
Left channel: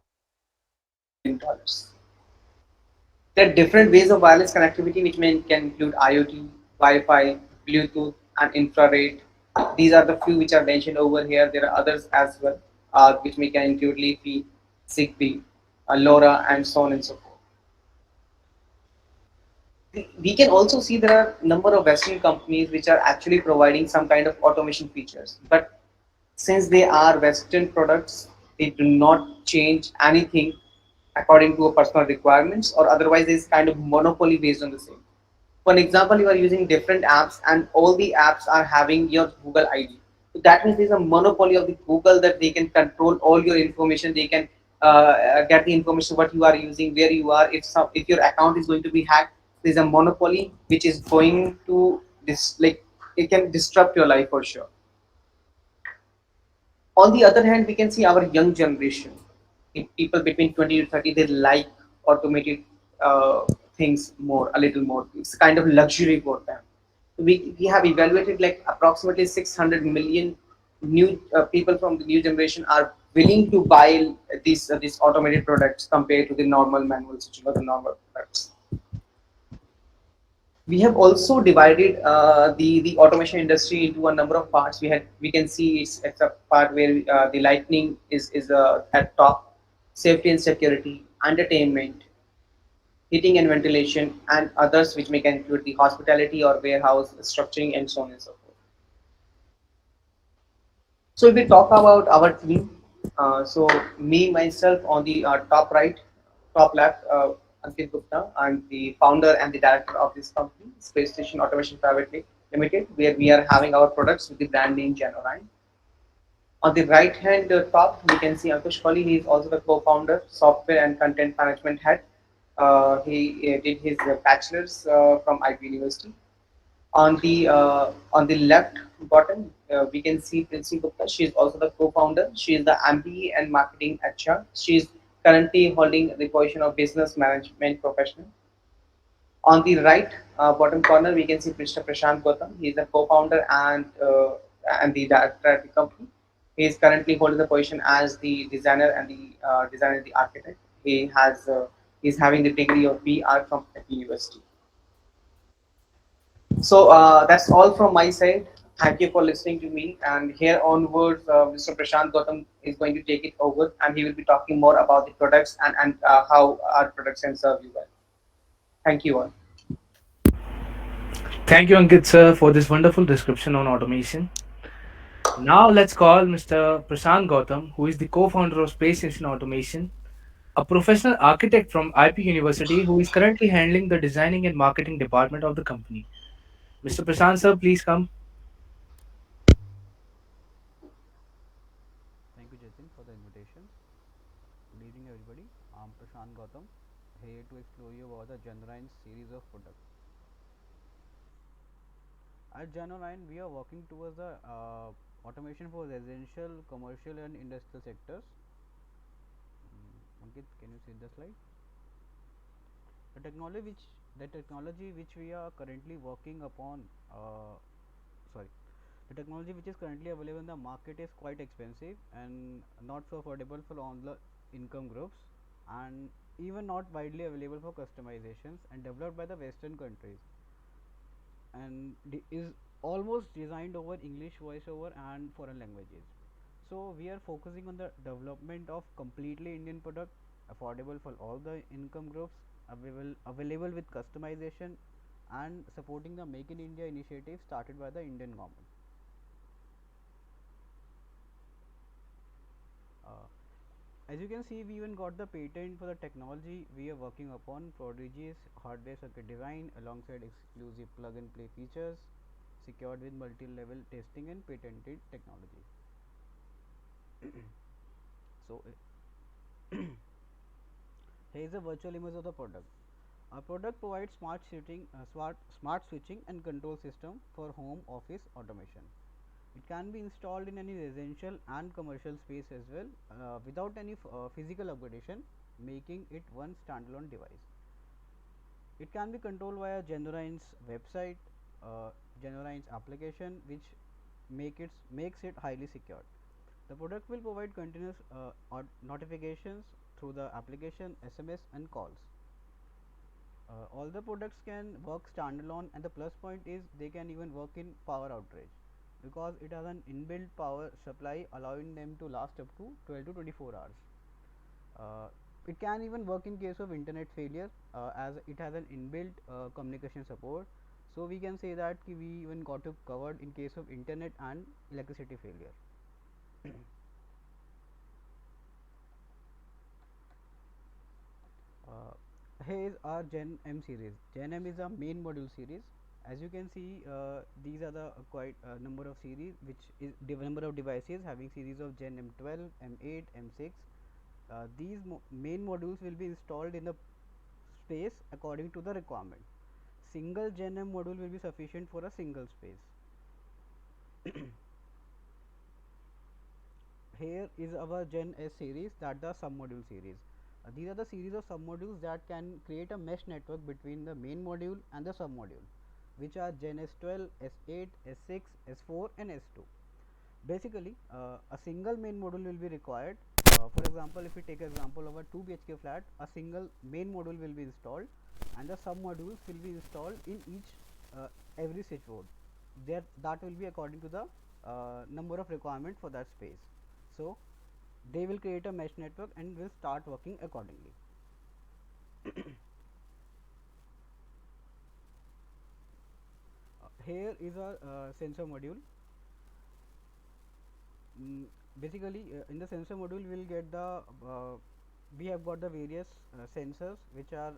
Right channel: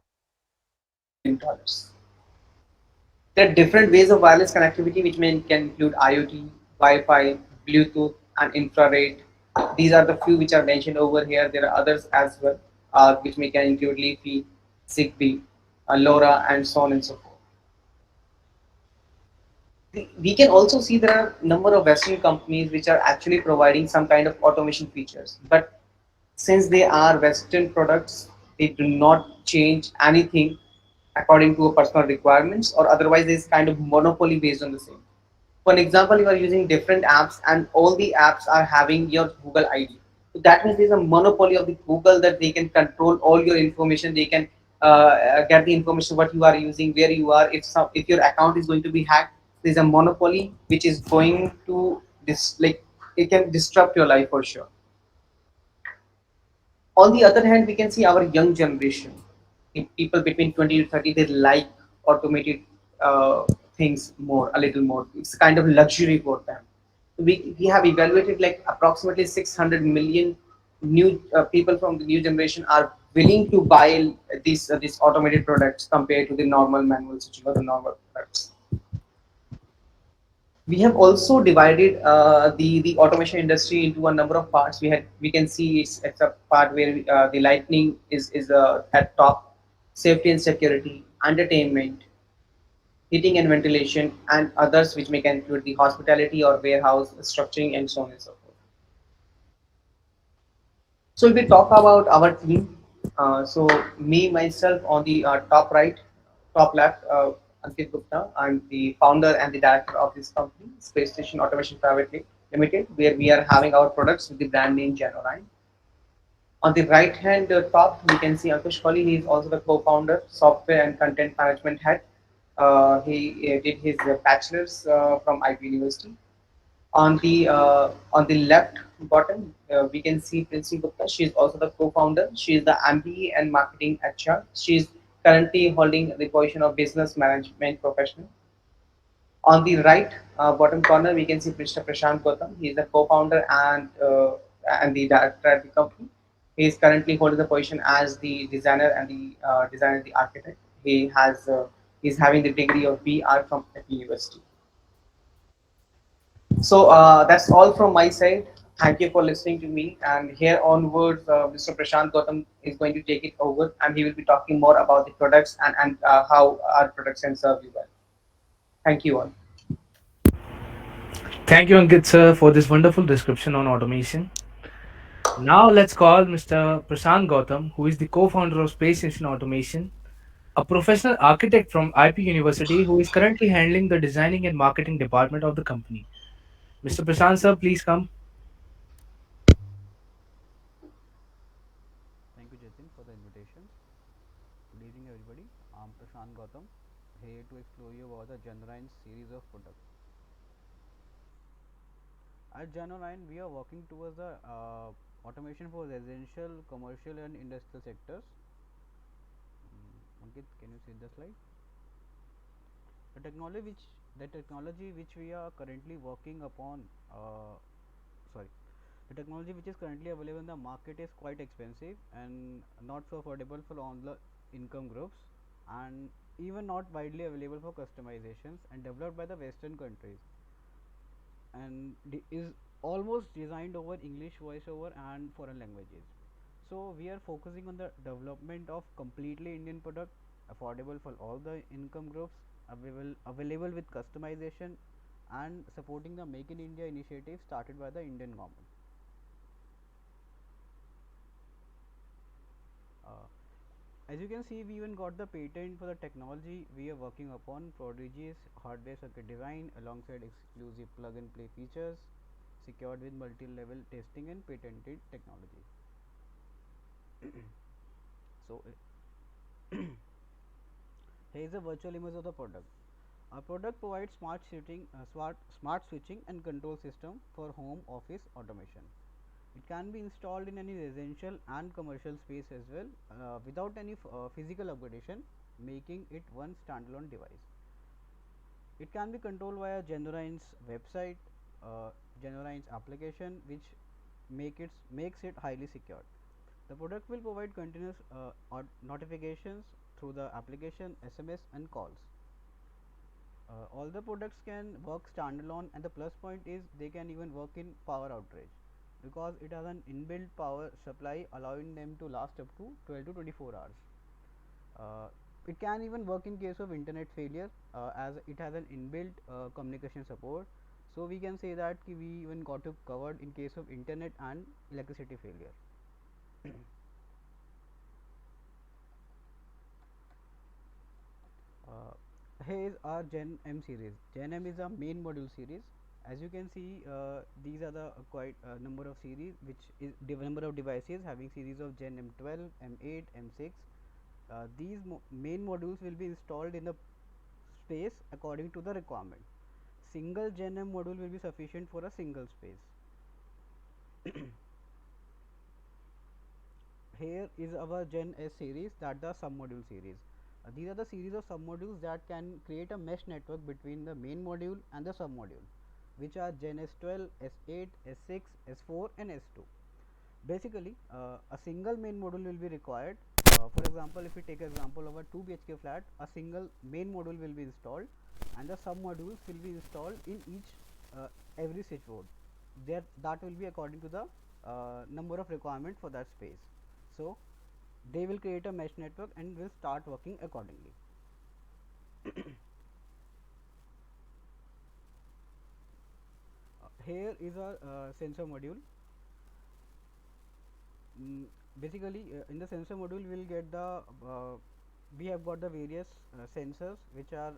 to $100 billion. There are different ways of wireless connectivity, which can include IoT, Wi-Fi, Bluetooth, and infrared. These are the few which are mentioned over here. There are others as well, which may can include Leafy, Zigbee, LoRa, and so on and so forth. We can also see there are a number of Western companies which are actually providing some kind of automation features. But since they are Western products, they do not change anything according to a personal requirements, or otherwise there is kind of monopoly based on the same. For example, you are using different apps and all the apps are having your Google ID. So that means there's a monopoly of the Google, that they can control all your information. They can get the information what you are using, where you are. If your account is going to be hacked, there's a monopoly which is going to like it can disrupt your life for sure. On the other hand, we can see our young generation, the people between 20 to 30, they like automated uh, things more, a little more. It's kind of luxury for them. We have evaluated like approximately 600 million new people from the new generation are willing to buy these automated products compared to the normal manual switching or the normal products. We have also divided the automation industry into a number of parts. We can see it's a part where the lightning is at top, safety and security, entertainment, heating and ventilation, and others which may include the hospitality or warehouse structuring and so on and so forth. So if we talk about our team, so me myself on the top right, top left, Ankit Gupta, I'm the founder and the director of this company, Space Station Automation Private Limited, where we are having our products with the brand name Orion. On the right hand top, we can see Ankush Kohli. He is also the co-founder, software and content management head. He did his bachelor's from IP University. On the left bottom, we can see Princy Gupta. She is also the co-founder. She is the MBA and marketing HR. She is currently holding the position of business management professional. On the right bottom corner, we can see Mr. Prashant Gautam. He is the co-founder and the director at the company. He is currently holding the position as the designer, the architect. He is having the degree of BR from FE University. So that's all from my side. Thank you for listening to me. And here onwards, Mr. Prashant Gautam is going to take it over, and he will be talking more about the products and how our products can serve you well. Thank you all. Thank you, Ankit sir, for this wonderful description on automation. Now let's call Mr. Prashant Gautam, who is the co-founder of Space Station Automation, a professional architect from IP University who is currently handling the designing and marketing department of the company. Mr. Prashant sir, please come. Thank you, Jatin, for the invitation. Good evening, everybody. I'm Prashant Gautam, here to explore you about the Generain series of products. At Generain, we are working towards the automation for residential, commercial, and industrial sectors. Ankit, can you see the slide? The technology which we are currently working upon, sorry, the technology which is currently available in the market is quite expensive and not so affordable for all the income groups, and even not widely available for customizations, and developed by the Western countries, and is almost designed over English voiceover and foreign languages. So we are focusing on the development of completely Indian product, affordable for all the income groups, available with customization, and supporting the Make in India initiative started by the Indian government. As you can see, we even got the patent for the technology we are working upon, prodigious hardware circuit design alongside exclusive plug and play features, secured with multi-level testing and patented technology. So here is a virtual image of the product. Our product provides smart switching and control system for home office automation. It can be installed in any residential and commercial space as well without any physical upgradation, making it one standalone device. It can be controlled via Genorine's website, uh, Genorine's application, which makes it highly secured. The product will provide continuous notifications through the application, SMS, and calls. All the products can work standalone, and the plus point is they can even work in power outage because it has an inbuilt power supply allowing them to last up to 12 to 24 hours. Uh, it can even work in case of internet failure as it has an inbuilt communication support. So we can say that we even got it covered in case of internet and electricity failure. Uh, Here is our Gen M series. Gen M is a main module series. As you can see, these are the quite number of series, which is number of devices having series of Gen M12, M8, M6. These main modules will be installed in the space according to the requirement. Single Gen M module will be sufficient for a single space. Here is our Gen S series, that the sub module series. These are the series of sub modules that can create a mesh network between the main module and the sub module, which are Gen S12, S8, S6, S4 and S2. Basically, a single main module will be required. For example, if we take example of a 2 BHK flat, a single main module will be installed and the sub modules will be installed in each every switchboard. That will be according to the number of requirement for that space. So they will create a mesh network and will start working accordingly. Here is a sensor module. mm, Basically, in the sensor module we will get the we have got the various sensors, which are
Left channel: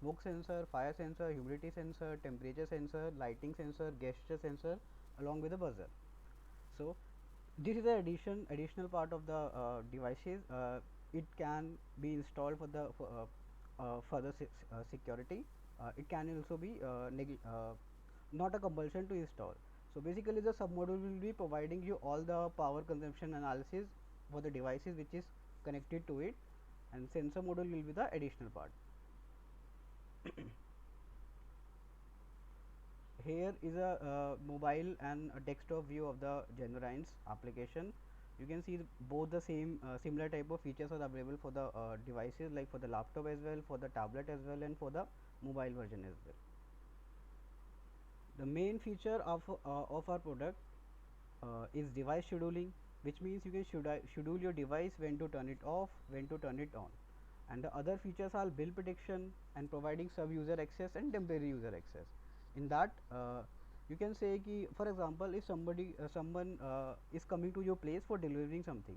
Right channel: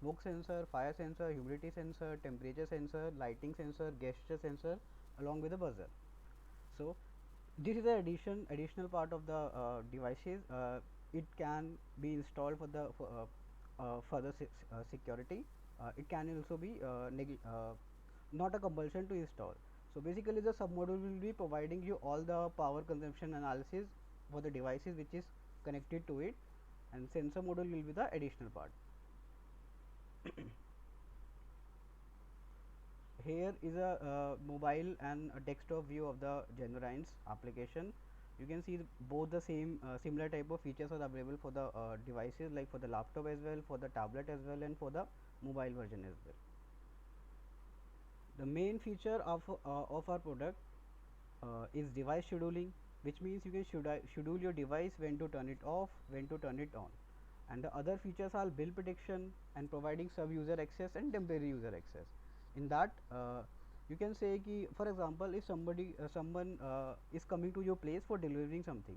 smoke sensor, fire sensor, humidity sensor, temperature sensor, lighting sensor, gesture sensor, along with the buzzer. So this is the additional part of the devices. It can be installed for the further security. It can also be not a compulsion to install. So basically, the submodule will be providing you all the power consumption analysis for the devices which is connected to it, and sensor module will be the additional part. Here is a mobile and a desktop view of the Genorine's application. You can see both the same similar type of features are available for the devices, like for the laptop as well, for the tablet as well, and for the mobile version as well. The main feature of our product is device scheduling, which means you can schedule your device when to turn it off, when to turn it on. And the other features are bill prediction and providing sub user access and temporary user access. In that, you can say ki, for example, if someone is coming to your place for delivering something,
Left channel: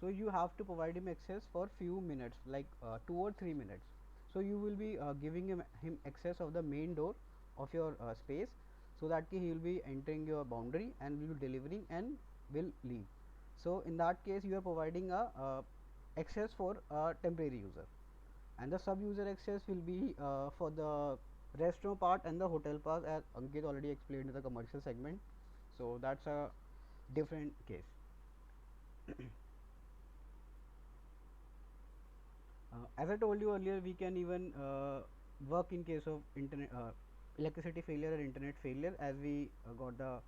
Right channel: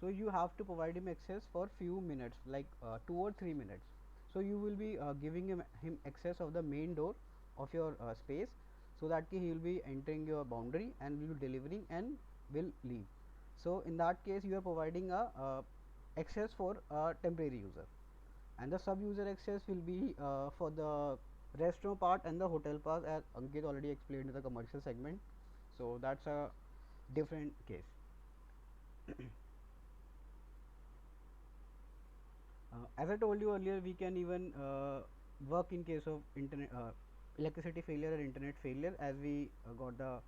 so you have to provide him access for few minutes, like 2 or 3 minutes. So you will be giving him access of the main door of your space, so that he will be entering your boundary and will be delivering and will leave. So in that case, you are providing a access for a temporary user, and the sub user access will be for the restaurant part and the hotel part, as Ankit already explained in the commercial segment. So that's a different case. As I told you earlier, we can even work in case of internet electricity failure or internet failure, as we got the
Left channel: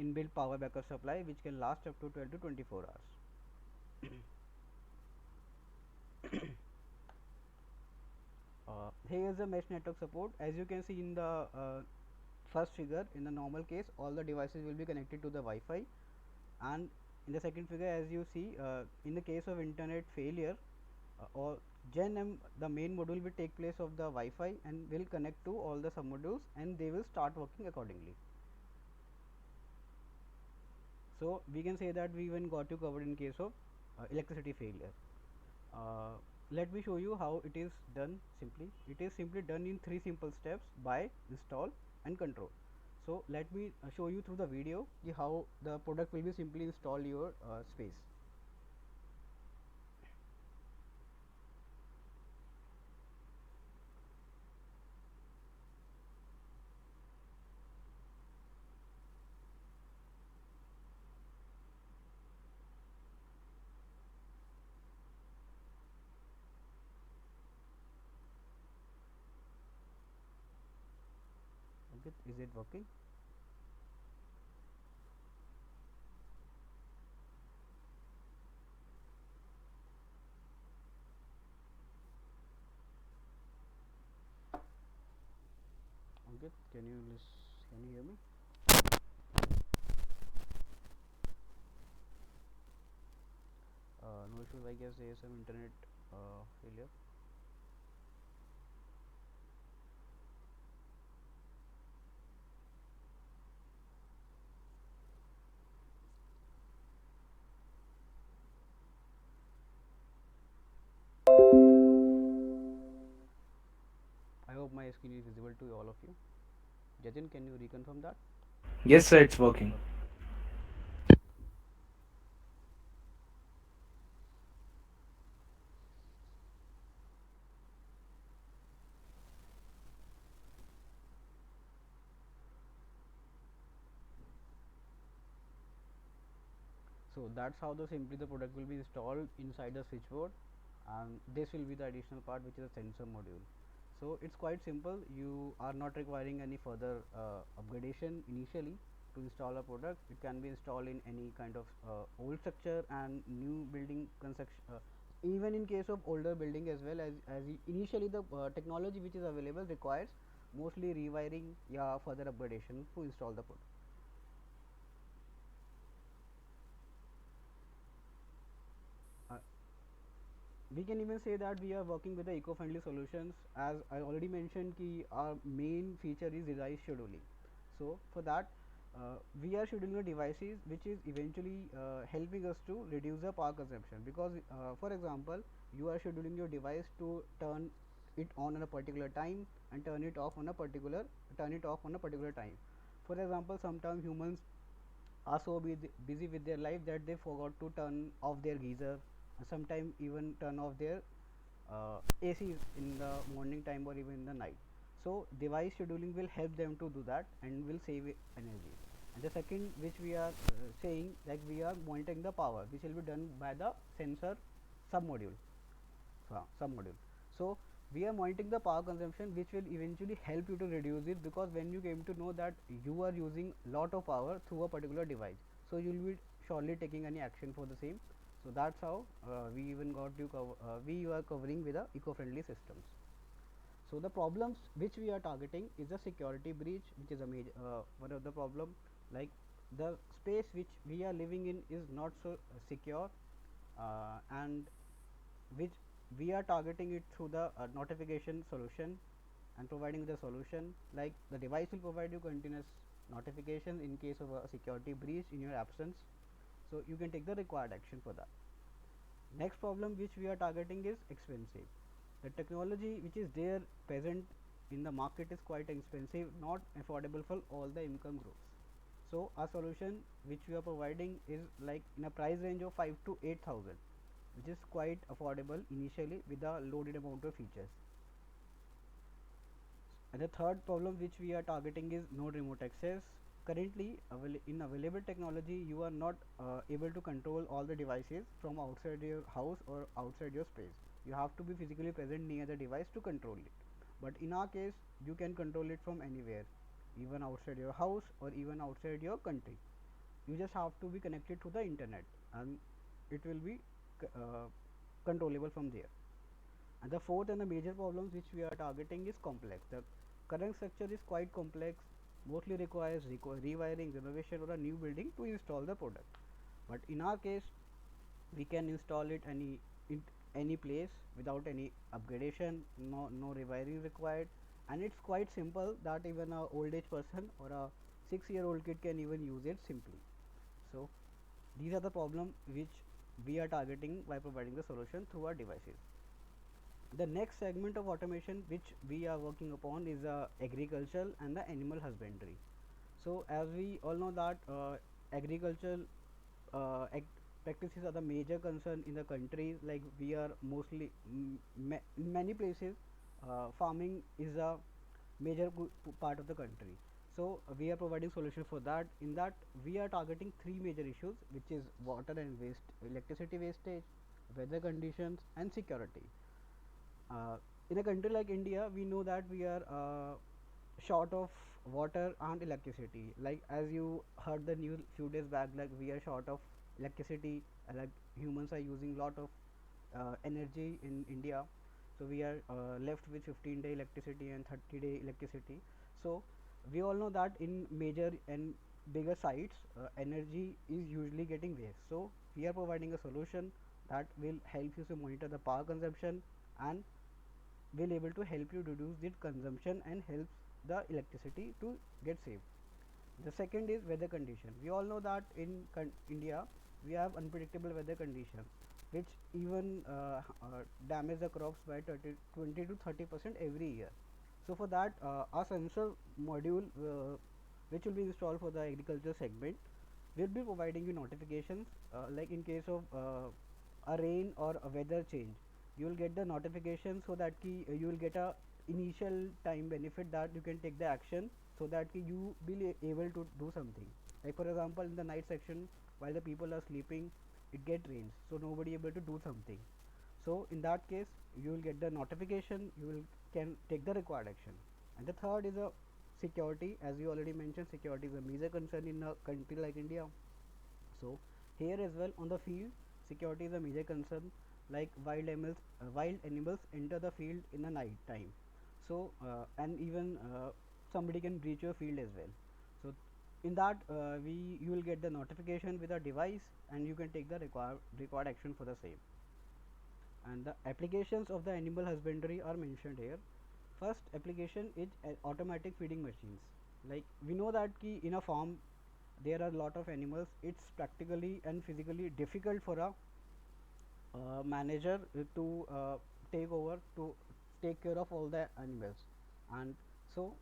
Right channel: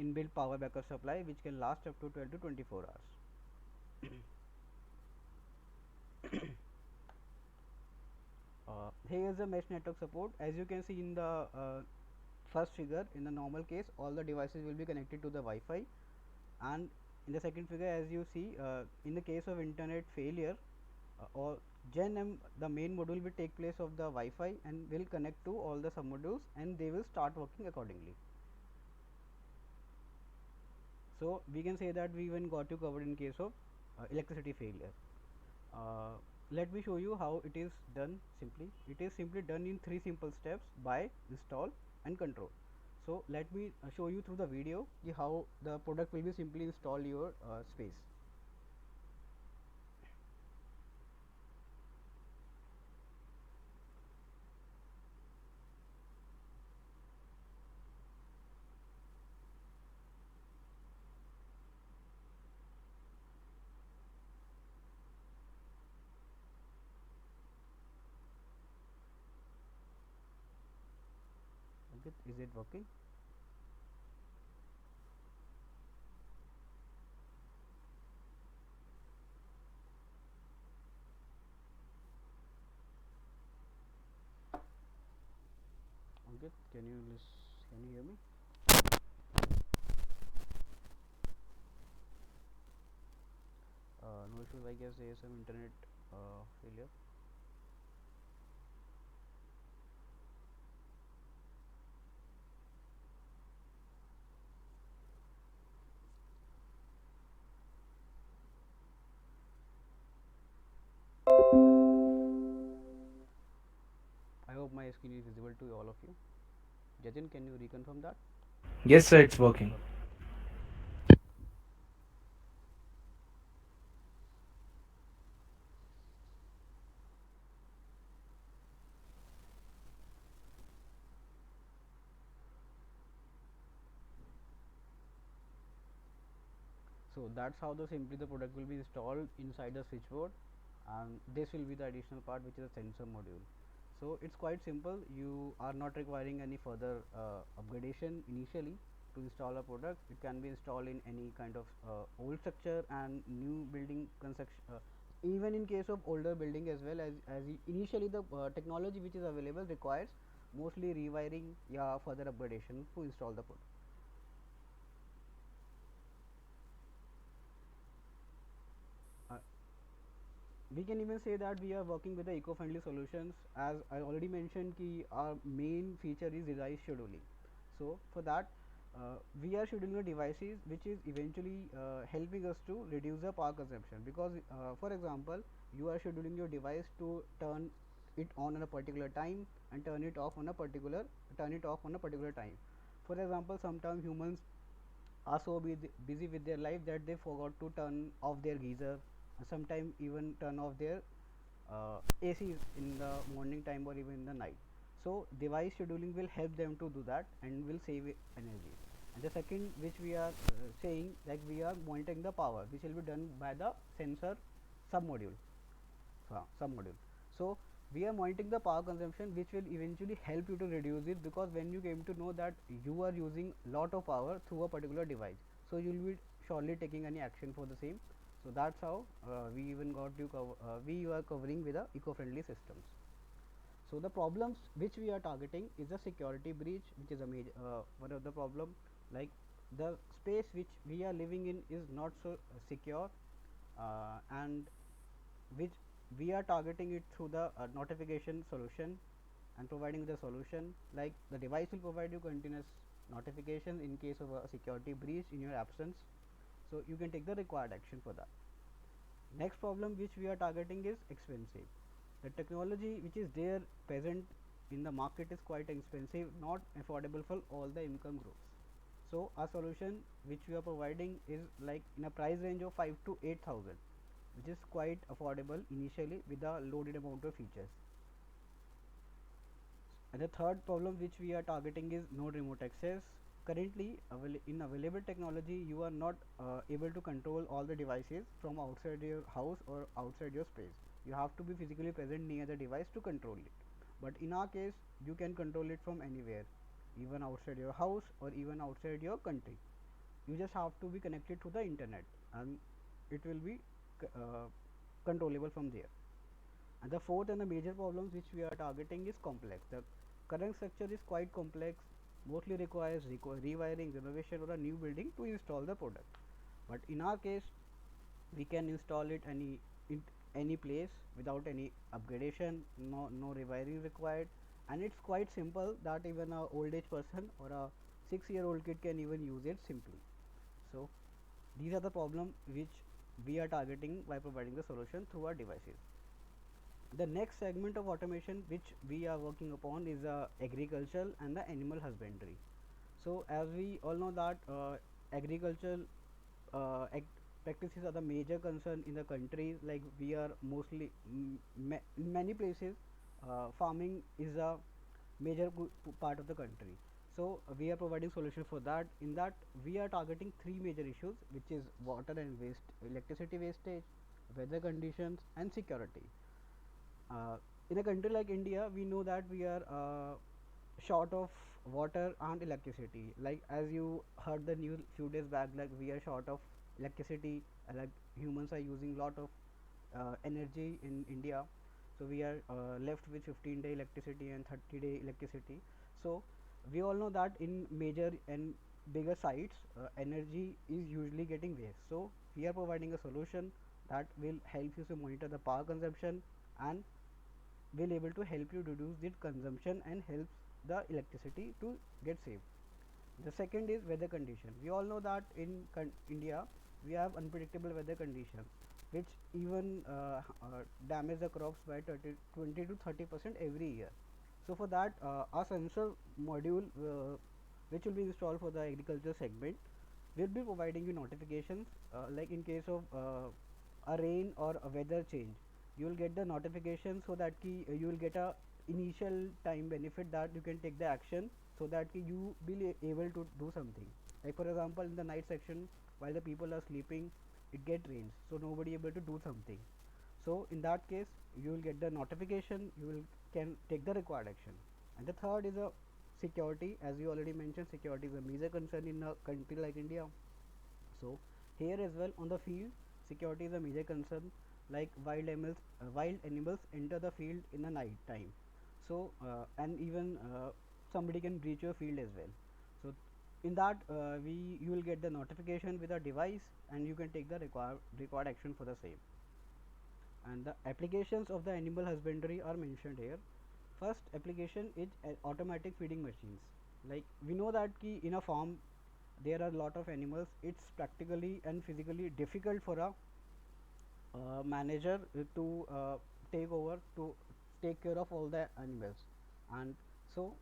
inbuilt power backup supply which can last up to 12 to 24 hours. Here is the mesh network support. As you can see in the first figure, in the normal case all the devices will be connected to the Wi-Fi, and in the second figure, as you see, in the case of internet failure, or Gen M, the main module will take place of the Wi-Fi and will connect to all the sub modules and they will start working accordingly. So we can say that we even got you covered in case of electricity failure. uh, let me show you how it is done simply. It is simply done in three simple steps: buy, install, and control. So let me show you through the video how the product will be simply install your space. Okay, is it working? Okay, can you hear me? No issues. I guess there is some internet failure. I hope my screen is visible to all of you. Jatin, can you reconfirm that? Yes, sir, it's working. Okay. So that's how the simply the product will be installed inside the switchboard, and this will be the additional part, which is a sensor module. So it's quite simple. You are not requiring any further upgradation initially to install a product. It can be installed in any kind of old structure and new building construction. Even in case of older building as well, initially the technology which is available requires mostly rewiring, yeah, further upgradation to install the product. Uh, we can even say that we are working with the eco-friendly solutions. As I already mentioned, ki our main feature is device scheduling. So for that, we are scheduling the devices which is eventually helping us to reduce the power consumption, because for example, you are scheduling your device to turn it on a particular time and turn it off on a particular time. For example, sometimes humans are so busy with their life that they forgot to turn off their geyser, and sometimes even turn off their ACs in the morning time or even in the night. So device scheduling will help them to do that and will save energy. And the second, which we are saying, like we are monitoring the power, which will be done by the sensor sub module. So we are monitoring the power consumption, which will eventually help you to reduce it, because when you came to know that you are using lot of power through a particular device, so you will be surely taking any action for the same. So that's how we even got you we are covering with the eco-friendly systems. So the problems which we are targeting is a security breach, which is a major one of the problem. Like the space which we are living in is not so secure, and which we are targeting it through the notification solution, and providing the solution, like the device will provide you continuous notification in case of a security breach in your absence, so you can take the required action for that. Next problem which we are targeting is expensive. The technology which is there present in the market is quite expensive, not affordable for all the income groups. So our solution which we are providing is like in a price range of 5 to 8,000, which is quite affordable initially with a loaded amount of features. And the third problem which we are targeting is no remote access. Currently, in available technology, you are not able to control all the devices from outside your house or outside your space. You have to be physically present near the device to control it. But in our case, you can control it from anywhere, even outside your house or even outside your country. You just have to be connected to the internet, and it will be uh, controllable from there. And the fourth and the major problems which we are targeting is complex. The current structure is quite complex, mostly requires rewiring, renovation, or a new building to install the product. But in our case, we can install it in any place without any upgradation, no rewiring required, and it's quite simple that even a old age person or a 6-year-old kid can even use it simply. So these are the problem which we are targeting by providing the solution through our devices. The next segment of automation which we are working upon is agricultural and the animal husbandry. So as we all know that agricultural practices are the major concern in the countries, like we are mostly in many places farming is a major part of the country. So we are providing solution for that. In that we are targeting three major issues, which is water and waste, electricity wastage, weather conditions, and security. In a country like India, we know that we are short of water and electricity. Like as you heard the news few days back, like we are short of electricity. Like humans are using lot of energy in India, so we are left with 15-day electricity and 30-day electricity. So we all know that in major and bigger sites, energy is usually getting waste. So we are providing a solution that will help you to monitor the power consumption and will able to help you reduce the consumption and helps the electricity to get saved. The second is weather condition. We all know that in India we have unpredictable weather conditions, which even damage the crops by 20 to 30% every year. So for that, our sensor module, which will be installed for the agriculture segment, will be providing you notifications, like in case of a rain or a weather change. You will get the notification, so that you will get a initial time benefit that you can take the action, so that you will able to do something. Like for example, in the night section, while the people are sleeping, it get rains, so nobody able to do something. So in that case, you will get the notification, you will can take the required action. And the third is a security. As you already mentioned, security is a major concern in a country like India. So here as well on the field, security is a major concern. Like wild animals enter the field in the night time. So and even somebody can breach your field as well. So in that, we you will get the notification with a device, and you can take the required action for the same. And the applications of the animal husbandry are mentioned here. First application is automatic feeding machines. Like we know that in a farm there are a lot of animals. It's practically and physically difficult for a manager to take over to take care of all the animals. And so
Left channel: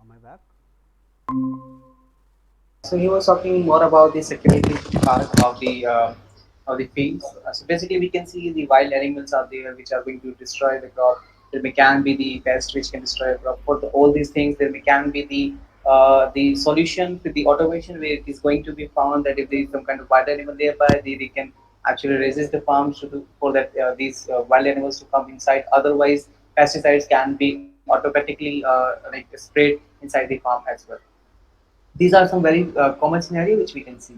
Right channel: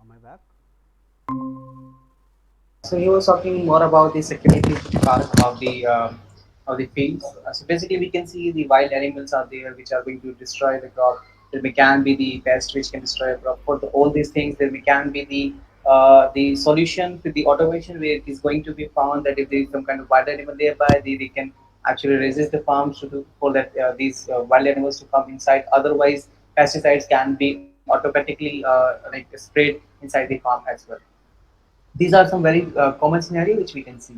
am I back? So he was talking more about the security part of the fields. So basically, we can see the wild animals are there which are going to destroy the crop. There may can be the pest which can destroy a crop. For all these things, there may can be the solution to the automation where it is going to be found that if there is some kind of wild animal nearby, they can actually resist the farms to do, for that these wild animals to come inside. Otherwise, pesticides can be automatically like sprayed inside the farm as well. These are some very common scenario which we can see.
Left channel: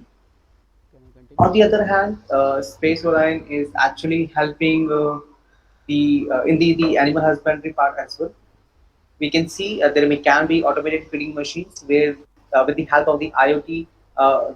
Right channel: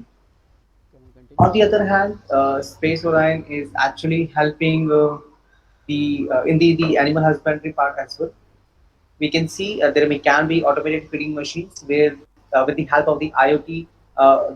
Can I On continue? the other hand, Space Orion is actually helping the in the animal husbandry part as well. We can see there may can be automated feeding machines where with the help of the IoT,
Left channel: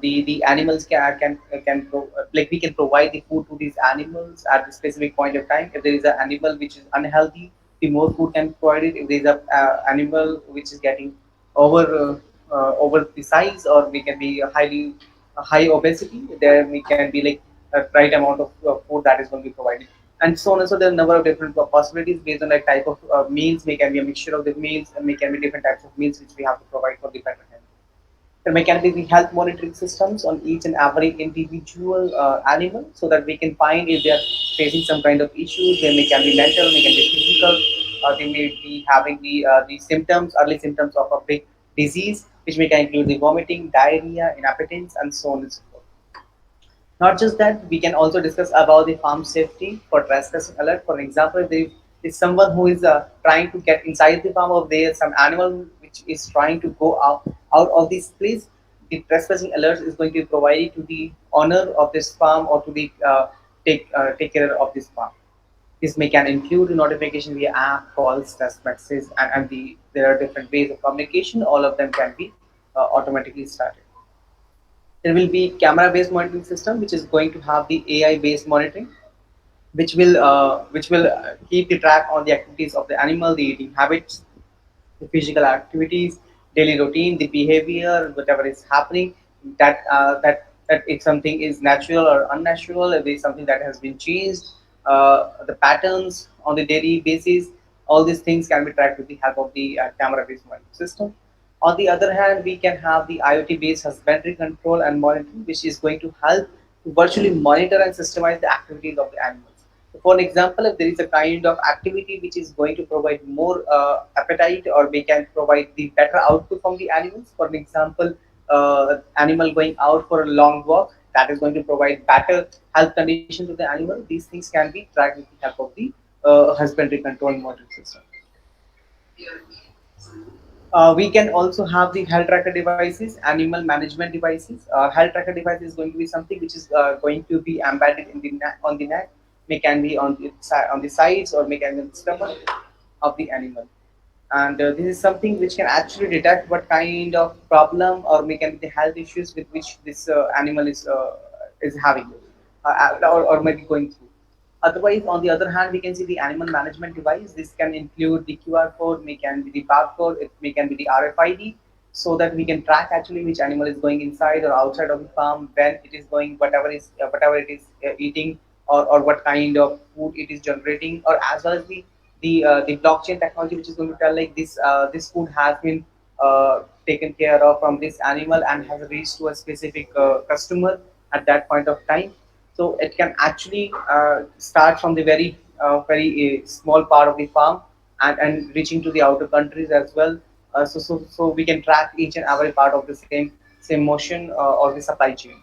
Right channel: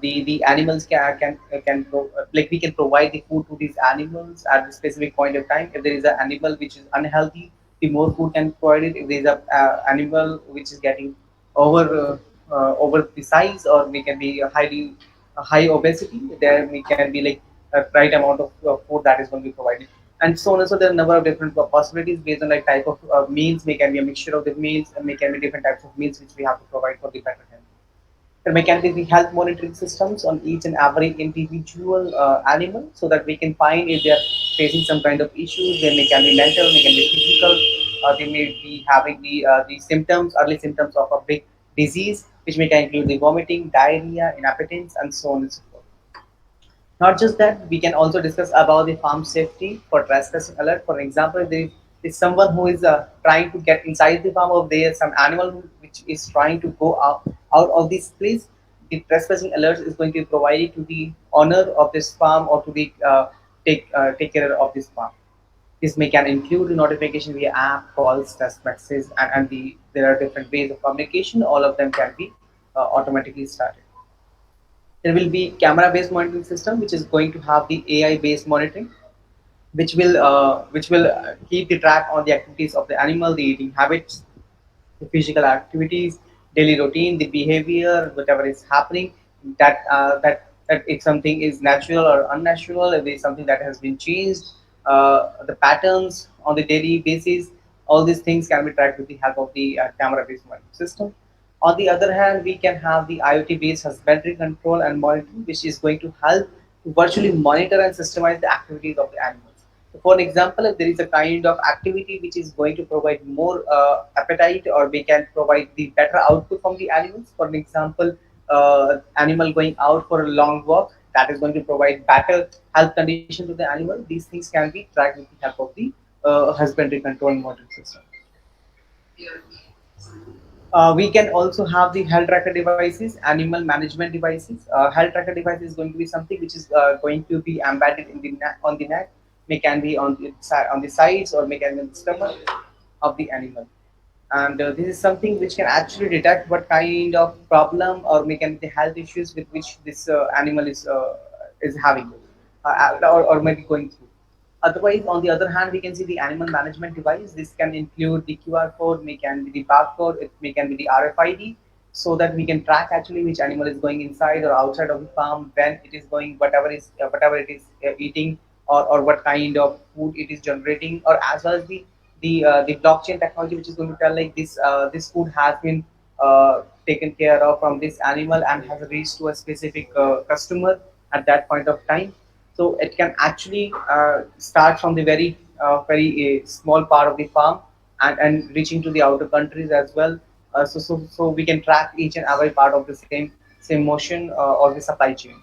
the animals like we can provide the food to these animals at a specific point of time. If there is an animal which is unhealthy, the more food can provide it. If there is a animal which is getting over over the size, or we can be highly high obesity, there we can be like a right amount of food that is going to be provided, and so on. And so there are a number of different possibilities based on like type of meals. May can be a mixture of the meals, and may can be different types of meals which we have to provide for the better health. There may can be the health monitoring systems on each and every individual animal, so that we can find if they are facing some kind of issues. They may can be mental, may can be physical, they may be having the symptoms, early symptoms of a big disease, which may can include the vomiting, diarrhea, inappetence, and so on and so forth. Not just that, we can also discuss about the farm safety for trespassing alert. For example, there is someone who is trying to get inside the farm, or there is some animal which is trying to go out of this place. The trespassing alert is going to be provided to the owner of this farm, or to the take care of this farm. This may can include notification via app, calls, text messages, and there are different ways of communication. All of them can be automatically started. There will be camera based monitoring system which is going to have the AI based monitoring, which will keep the track on the activities of the animal, the eating habits, the physical activities, daily routine, the behavior, whatever is happening, that if something is natural or unnatural, if there is something that has been changed, the patterns on the daily basis, all these things can be tracked with the help of the camera-based monitoring system. On the other hand, we can have the IoT-based husbandry control and monitoring, which is going to help to virtually monitor and systemize the activities of the animals. So for an example, if there is a kind of activity which is going to provide more appetite, or we can provide the better output from the animals. For an example, animal going out for a long walk, that is going to provide better health condition to the animal. These things can be tracked with the help of the husbandry control monitoring system. We can also have the health tracker devices, animal management devices. Health tracker device is going to be something which is going to be embedded in the neck, on the neck, may can be on the sides, or may can be on the stomach of the animal. And this is something which can actually detect what kind of problem or may can be the health issues with which this animal is having, or maybe going through. Otherwise, on the other hand, we can see the animal management device. This can include the QR code, may can be the barcode, it may can be the RFID, so that we can track actually which animal is going inside or outside of the farm, when it is going, whatever it is eating, or what kind of food it is generating, or as well as the blockchain technology, which is going to tell like this food has been taken care of from this animal and has reached to a specific customer at that point of time. So it can actually start from the very small part of the farm, and reaching to the outer countries as well. So we can track each and every part of the same motion or the supply chain.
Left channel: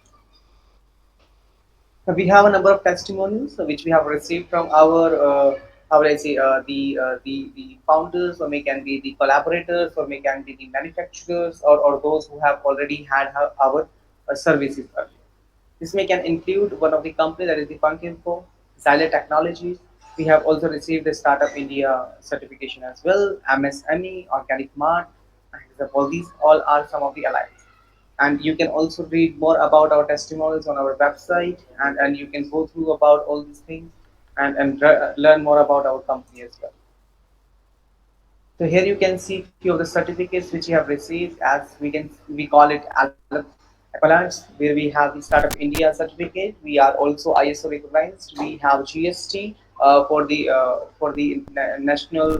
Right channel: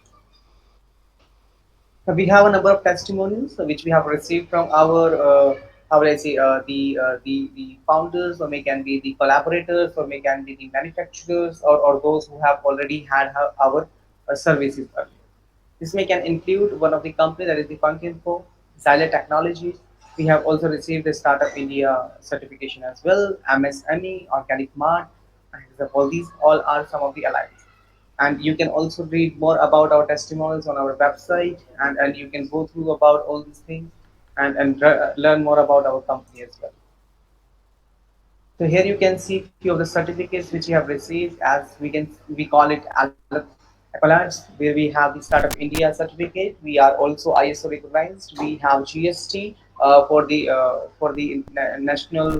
We have a number of testimonials which we have received from our how will I say the founders, or may can be the collaborators, or may can be the manufacturers, or those who have already had our services earlier. This may can include one of the company, that is the Funk Info, Xylet Technologies. We have also received the Startup India certification as well, MSME, Organic Mart, and example, these all are some of the allies. And you can also read more about our testimonials on our website, and you can go through about all these things, and learn more about our company as well. So here you can see few of the certificates which you have received. As we call it accolades, where we have the Startup India certificate. We are also ISO recognized. We have GST for the national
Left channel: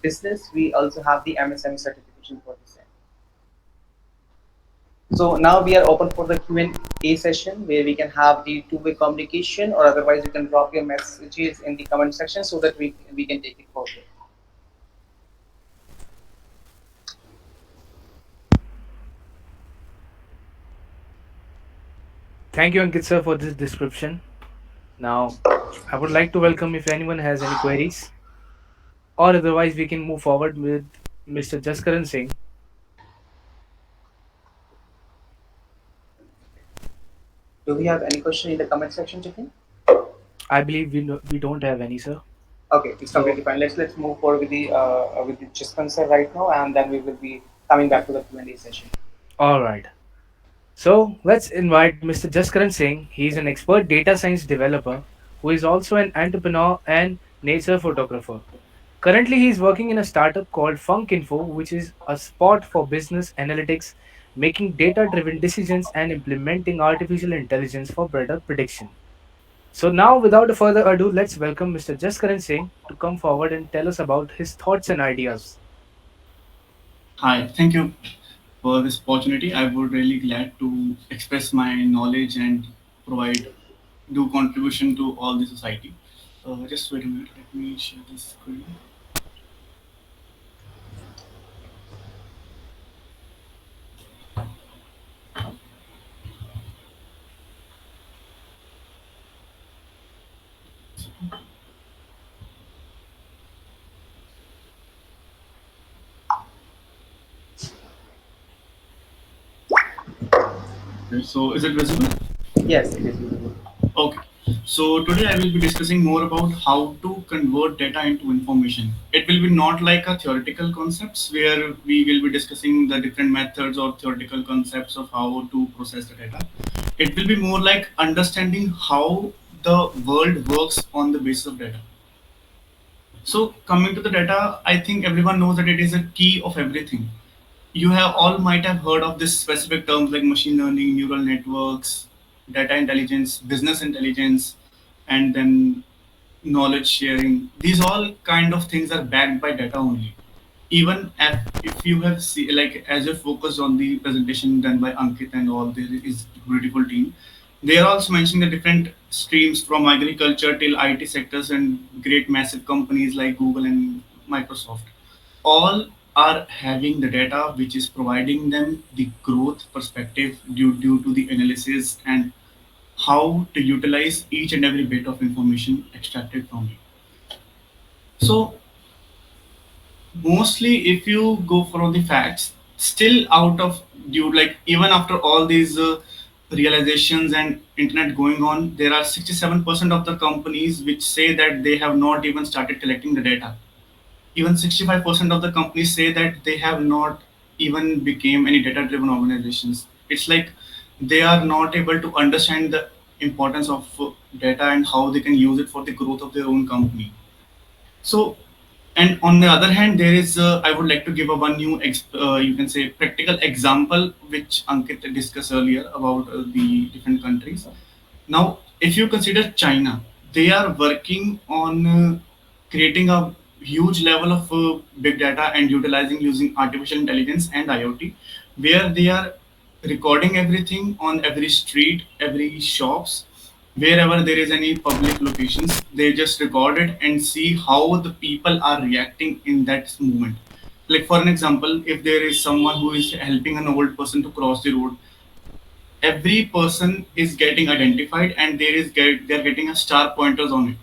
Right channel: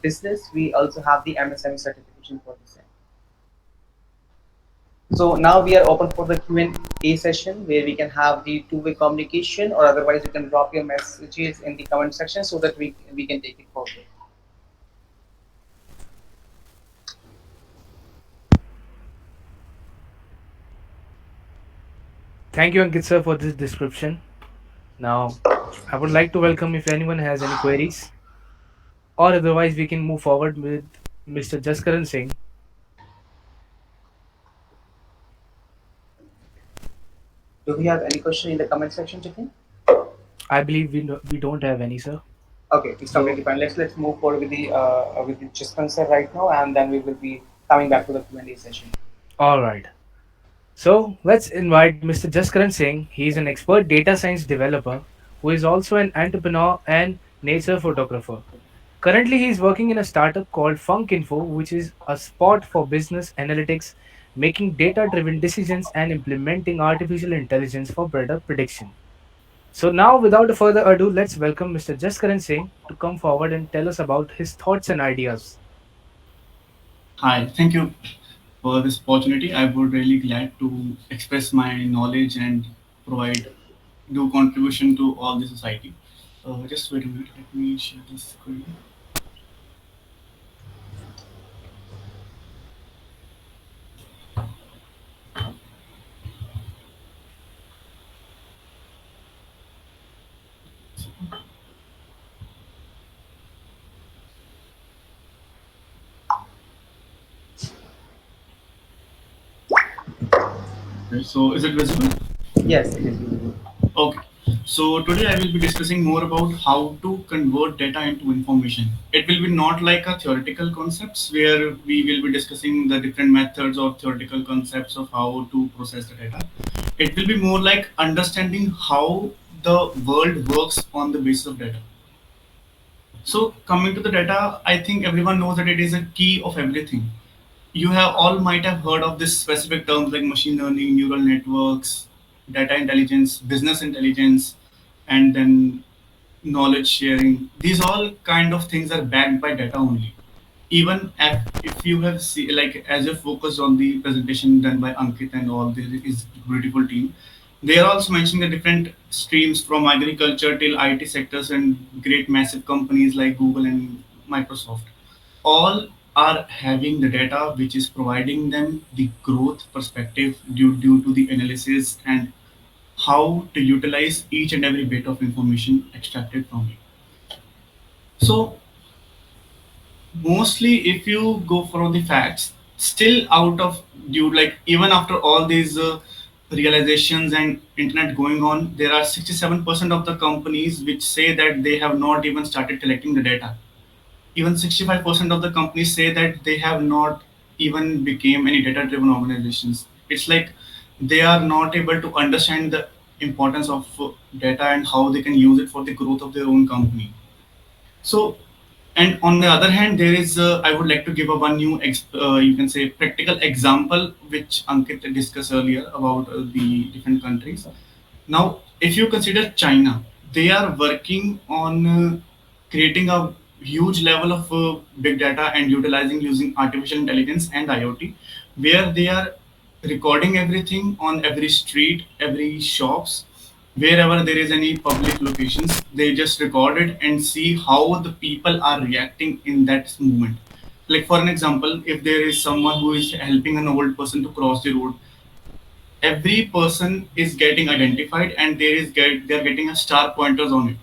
business. We also have the MSME certification for the same. So now we are open for the Q&A session, where we can have the two-way communication, or otherwise you can drop your messages in the comment section so that we can take it forward. Thank you, Ankit sir, for this description. Now, I would like to welcome if anyone has any queries, or otherwise we can move forward with Mr. Jaskaran Singh. Do we have any question in the comment section, Jitin? I believe we don't have any, sir. Okay, it's So, completely fine. Let's move forward with the dispenser right now, and then we will be coming back to the Q&A session. all right. So let's invite Mr. Jaskaran Singh. He is an expert data science developer who is also an entrepreneur and nature photographer. Currently, he is working in a startup called Funk Info, which is a spot for business analytics, making data driven decisions and implementing artificial intelligence for better prediction. So, now without further ado, let's welcome Mr. Jaskaran Singh to come forward and tell us about his thoughts and ideas. Hi, thank you for this opportunity. I would really glad to express my knowledge and provide do contribution to all the society. Just wait a minute. Let me share this screen. Okay, so is it visible? Yes, it is visible. Okay. So today I will be discussing more about how to convert data into information. it will be not like a theoretical concepts where we will be discussing the different methods or theoretical concepts of how to process the data. It will be more like understanding how the world works on the basis of data. So coming to the data, I think everyone knows that it is a key of everything. You have all might have heard of this specific terms like machine learning, neural networks, data intelligence, business intelligence, and then knowledge sharing. These all kind of things are backed by data only. Even if you have see like as you focused on the presentation done by Ankit and all this is beautiful team, they are also mentioning the different streams from agriculture till IT sectors and great massive companies like Google and Microsoft. All are having the data which is providing them the growth perspective due to the analysis and how to utilize each and every bit of information extracted from it. So mostly if you go for the facts, still out of due like even after all these realizations and internet going on, there are 67% of the companies which say that they have not even started collecting the data. Even 65% of the companies say that they have not even became any data driven organizations. It's like they are not able to understand the importance of data and how they can use it for the growth of their own company. So, and on the other hand, there is, I would like to give a one new, you can say, practical example, which Ankit discussed earlier about the different countries. Now, if you consider China, they are working on creating a huge level of big data and utilizing using artificial intelligence and IoT, where they are recording everything on every street, every shops, wherever there is any public locations. They just record it and see how the people are reacting in that moment. Like for an example, if there is someone who is helping an old person to cross the road, every person is getting identified and they're getting a star pointers on it,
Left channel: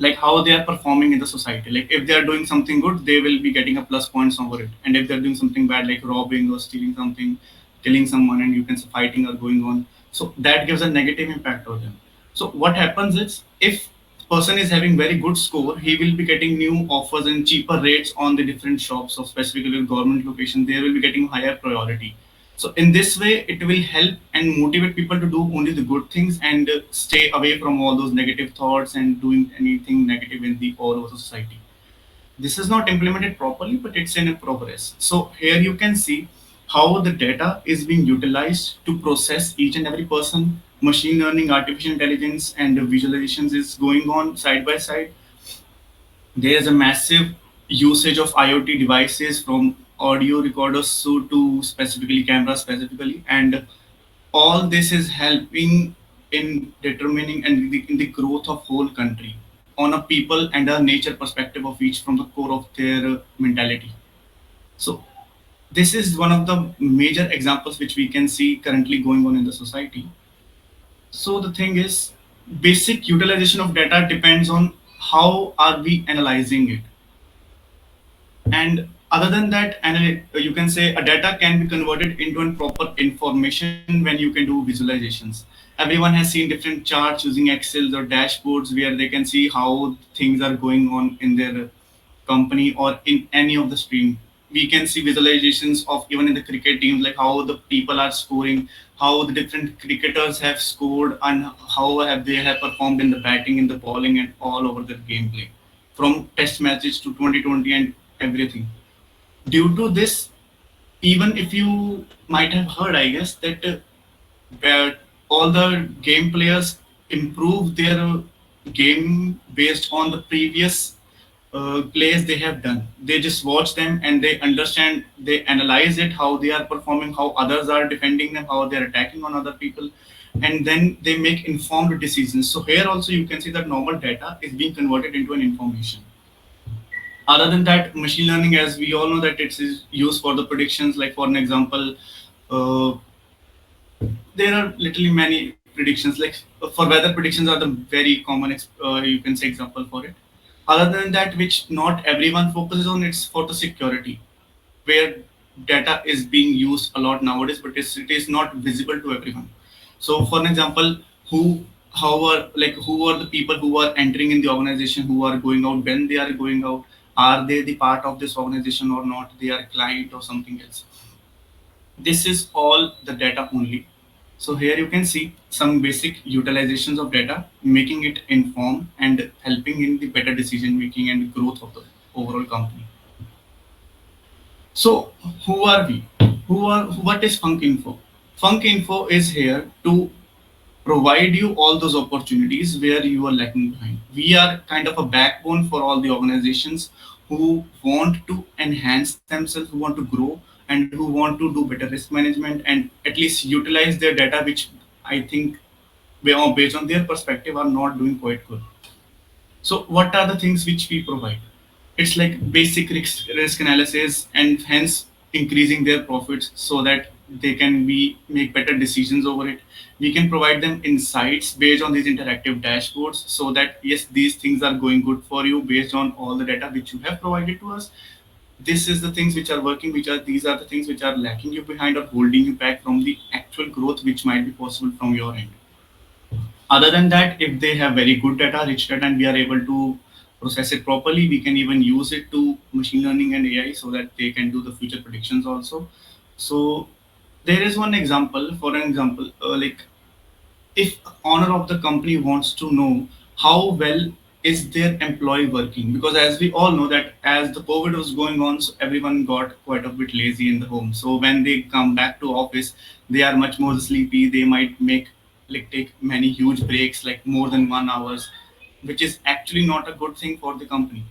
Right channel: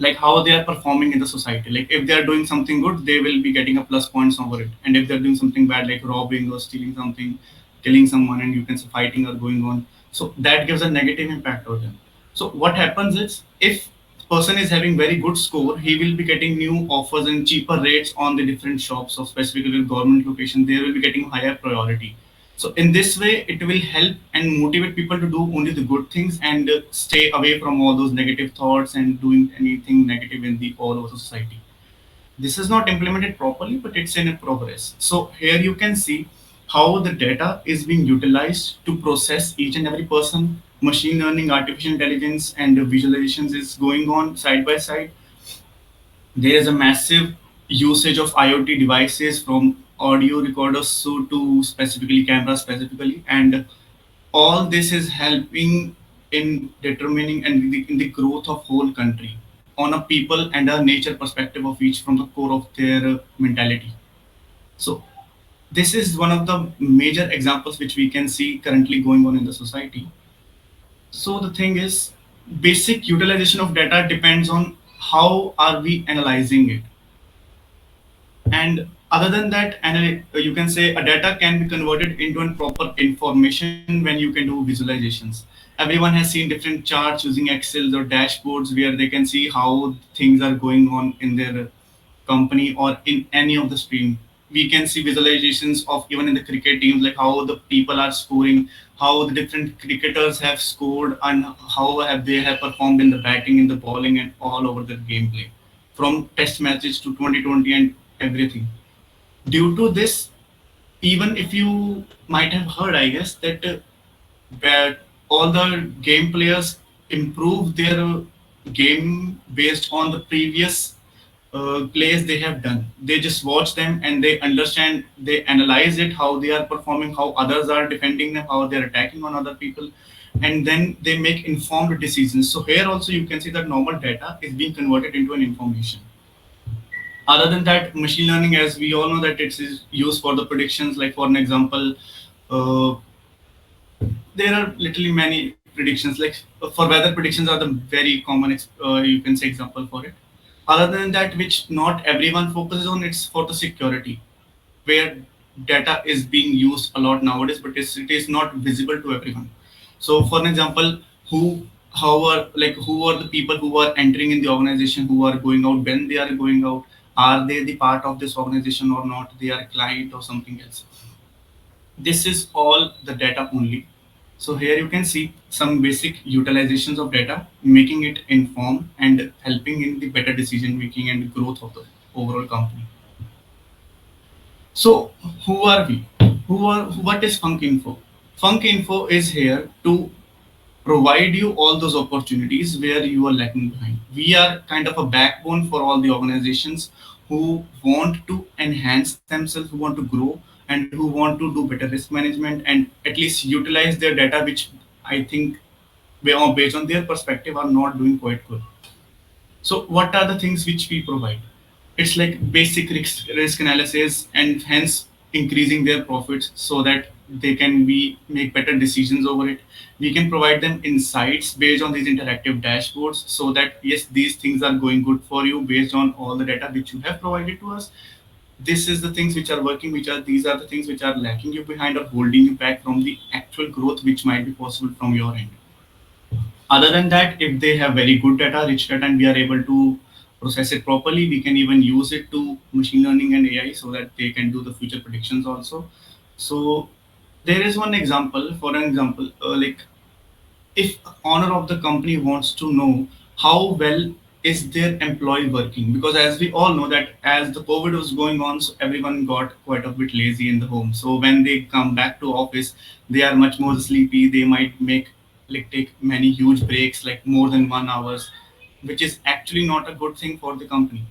like how they are performing in the society. Like if they are doing something good, they will be getting a plus points over it, and if they're doing something bad like robbing or stealing something, killing someone, and you can say fighting are going on, so that gives a negative impact on them. So what happens is, if person is having very good score, he will be getting new offers and cheaper rates on the different shops of specifically government location. They will be getting higher priority. So in this way, it will help and motivate people to do only the good things and stay away from all those negative thoughts and doing anything negative in the all over society. This is not implemented properly, but it's in a progress. So here you can see how the data is being utilized to process each and every person. Machine learning, artificial intelligence, and visualizations is going on side by side. There is a massive usage of IoT devices from audio recorders to specifically cameras specifically, and all this is helping in determining and in the growth of whole country on a people and a nature perspective of each from the core of their mentality. So this is one of the major examples which we can see currently going on in the society. So the thing is, basic utilization of data depends on how are we analyzing it. And other than that, you can say a data can be converted into a proper information when you can do visualizations. Everyone has seen different charts using Excels or dashboards where they can see how things are going on in their company or in any of the stream. We can see visualizations of even in the cricket teams, like how the people are scoring, how the different cricketers have scored, and how have they have performed in the batting, in the bowling, and all over the gameplay, from test matches to 2020 and everything. Due to this, even if you might have heard, I guess, that all the game players improve their game based on the previous plays they have done. They just watch them and they understand, they analyze it, how they are performing, how others are defending them, how they're attacking on other people, and then they make informed decisions. So here also you can see that normal data is being converted into an information. Other than that, machine learning, as we all know, that it is used for the predictions. Like for an example, uh, there are literally many predictions. Like for weather predictions are the very common, you can say example for it. Other than that, which not everyone focuses on, it's for the security, where data is being used a lot nowadays, but it is not visible to everyone. So, for an example, who how are like who are the people who are entering in the organization, who are going out, when they are going out, are they the part of this organization or not, they are a client or something else. This is all the data only. So here you can see some basic utilizations of data, making it inform and helping in the better decision making and growth of the overall company. So who are we? What is Funk Info? Funk Info is here to provide you all those opportunities where you are lacking behind. We are kind of a backbone for all the organizations who want to enhance themselves, who want to grow, and who want to do better risk management and at least utilize their data, which I think, based on their perspective, are not doing quite good. So, what are the things which we provide? It's like basic risk analysis and hence increasing their profits so that they can be make better decisions over it. We can provide them insights based on these interactive dashboards so that yes, these things are going good for you based on all the data which you have provided to us. This is the things which are working, which are these are the things which are lacking you behind or holding you back from the actual growth which might be possible from your end. Other than that, if they have very good data, rich data, and we are able to process it properly, we can even use it to machine learning and AI so that they can do the future predictions also. So there is one example. For an example, like if owner of the company wants to know how well is their employee working, because as we all know that as the covid was going on, so everyone got quite a bit lazy in the home. So when they come back to office, they are much more sleepy. They might make like take many huge breaks like more than 1 hours, which is actually not a good thing for the company.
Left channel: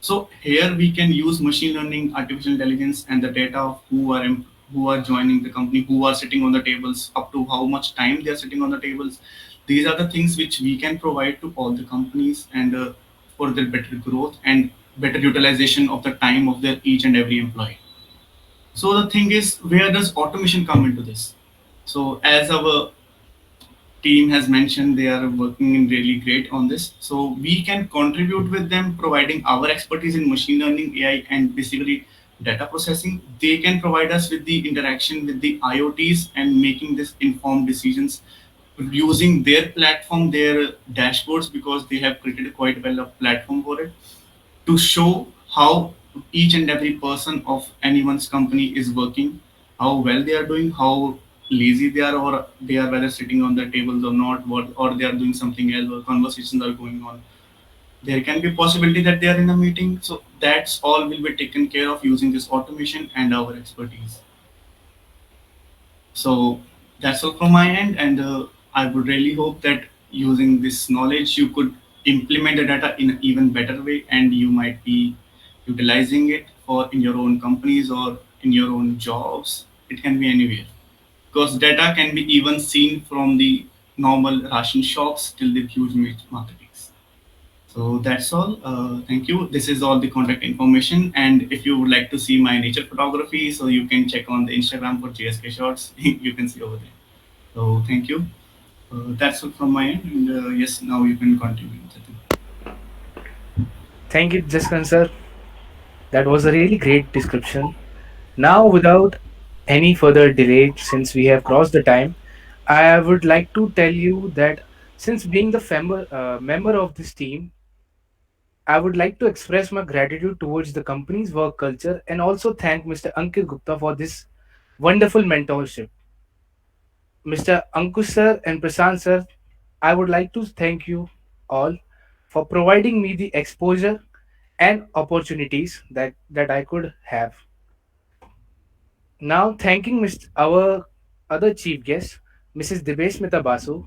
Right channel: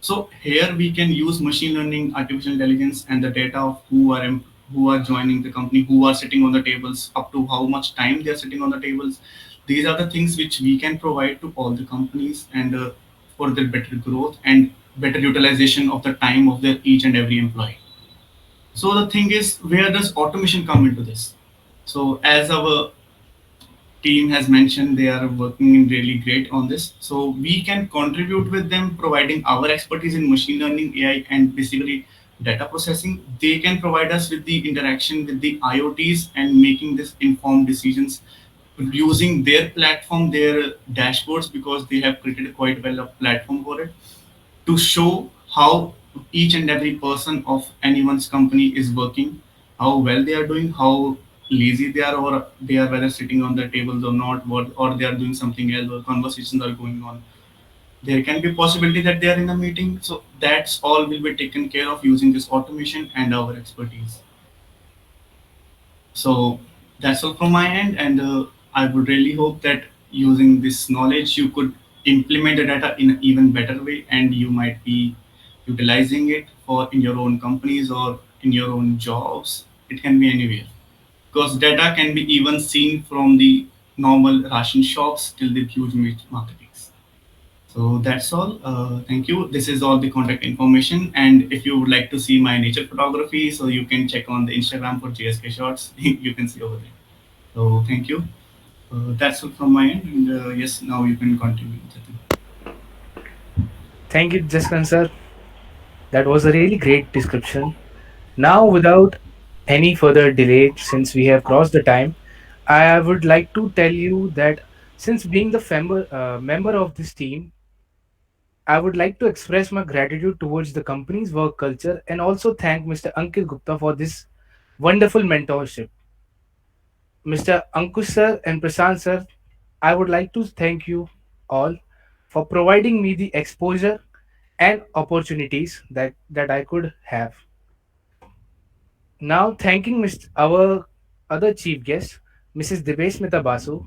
So here we can use machine learning, artificial intelligence, and the data of who are joining the company, who are sitting on the tables, up to how much time they are sitting on the tables. These are the things which we can provide to all the companies and for their better growth and better utilization of the time of their each and every employee. So the thing is, where does automation come into this? So as our team has mentioned, they are working in really great on this, so we can contribute with them providing our expertise in machine learning, AI, and basically data processing. They can provide us with the interaction with the IoTs and making this informed decisions using their platform, their dashboards, because they have created quite well a platform for it to show how each and every person of anyone's company is working, how well they are doing, how lazy they are, or they are whether sitting on the tables or not, what, or they are doing something else, or conversations are going on. There can be a possibility that they are in a meeting. So that's all will be taken care of using this automation and our expertise. So that's all from my end, and I would really hope that using this knowledge, you could implement the data in an even better way, and you might be utilizing it for in your own companies or in your own jobs. It can be anywhere because data can be even seen from the normal ration shops till the huge meat marketings. So that's all. Thank you. This is all the contact information. And if you would like to see my nature photography, so you can check on the Instagram for JSK shots. You can see over there. So thank you. That's all from my end. And yes, now you can continue. Jatin. Thank you, Jaskan sir. That was a really great description. Now, without any further delay, since we have crossed the time, I would like to tell you that since being the member of this team, I would like to express my gratitude towards the company's work culture and also thank Mr. Ankit Gupta for this wonderful mentorship. Mr. Ankush sir and Prasant sir, I would like to thank you all for providing me the exposure and opportunities that I could have. Now, thanking our other chief guests, Mrs. Dibesh Mehta Basu,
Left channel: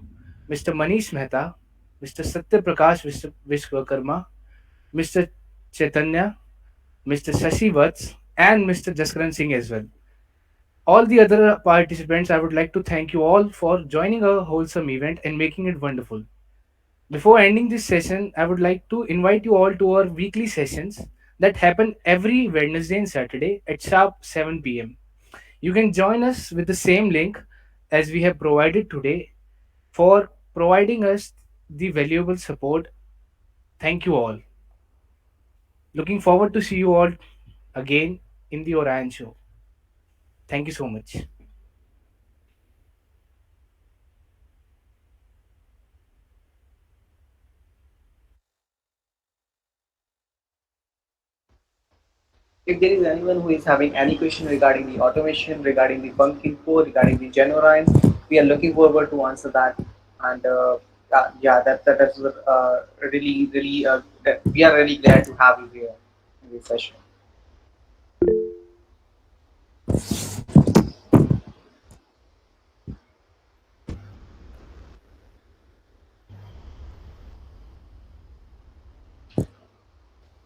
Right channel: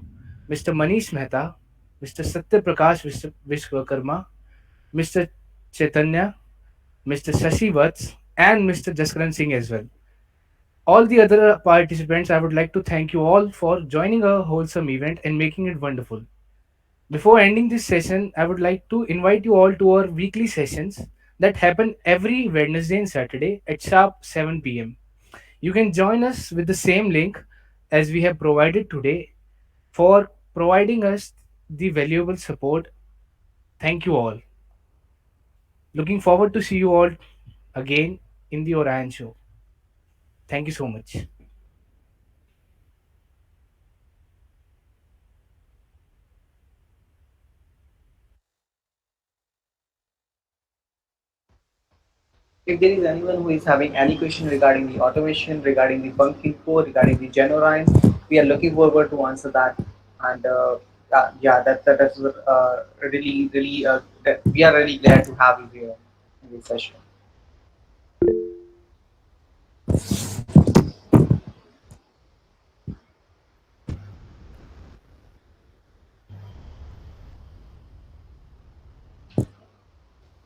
Mr. Manish Mehta, Mr. Satya Prakash Vishwakarma, Mr. Chaitanya, Mr. Shashi Vats, and Mr. Jaskaran Singh as well. All the other participants, I would like to thank you all for joining a wholesome event and making it wonderful. Before ending this session, I would like to invite you all to our weekly sessions that happen every Wednesday and Saturday at sharp 7 p.m. You can join us with the same link as we have provided today for providing us the valuable support. Thank you all. Looking forward to see you all again in the Orion show. Thank you so much. If there is anyone who is having any question regarding the automation, regarding the bunk info, regarding the Gen Orion, we are looking forward to answer that. And yeah, that's really that we are really glad to have you here in this session.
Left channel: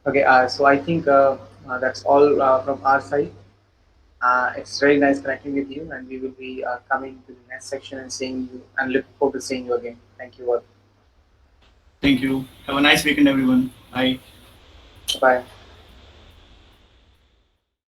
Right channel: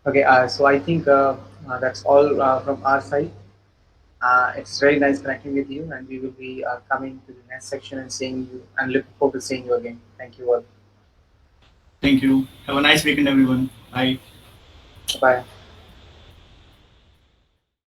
Okay, so I think that's all from our side. It's very nice connecting with you, and we will be coming to the next section and seeing you, and looking forward to seeing you again. Thank you all. Thank you. Have a nice weekend, everyone. Bye. Bye bye.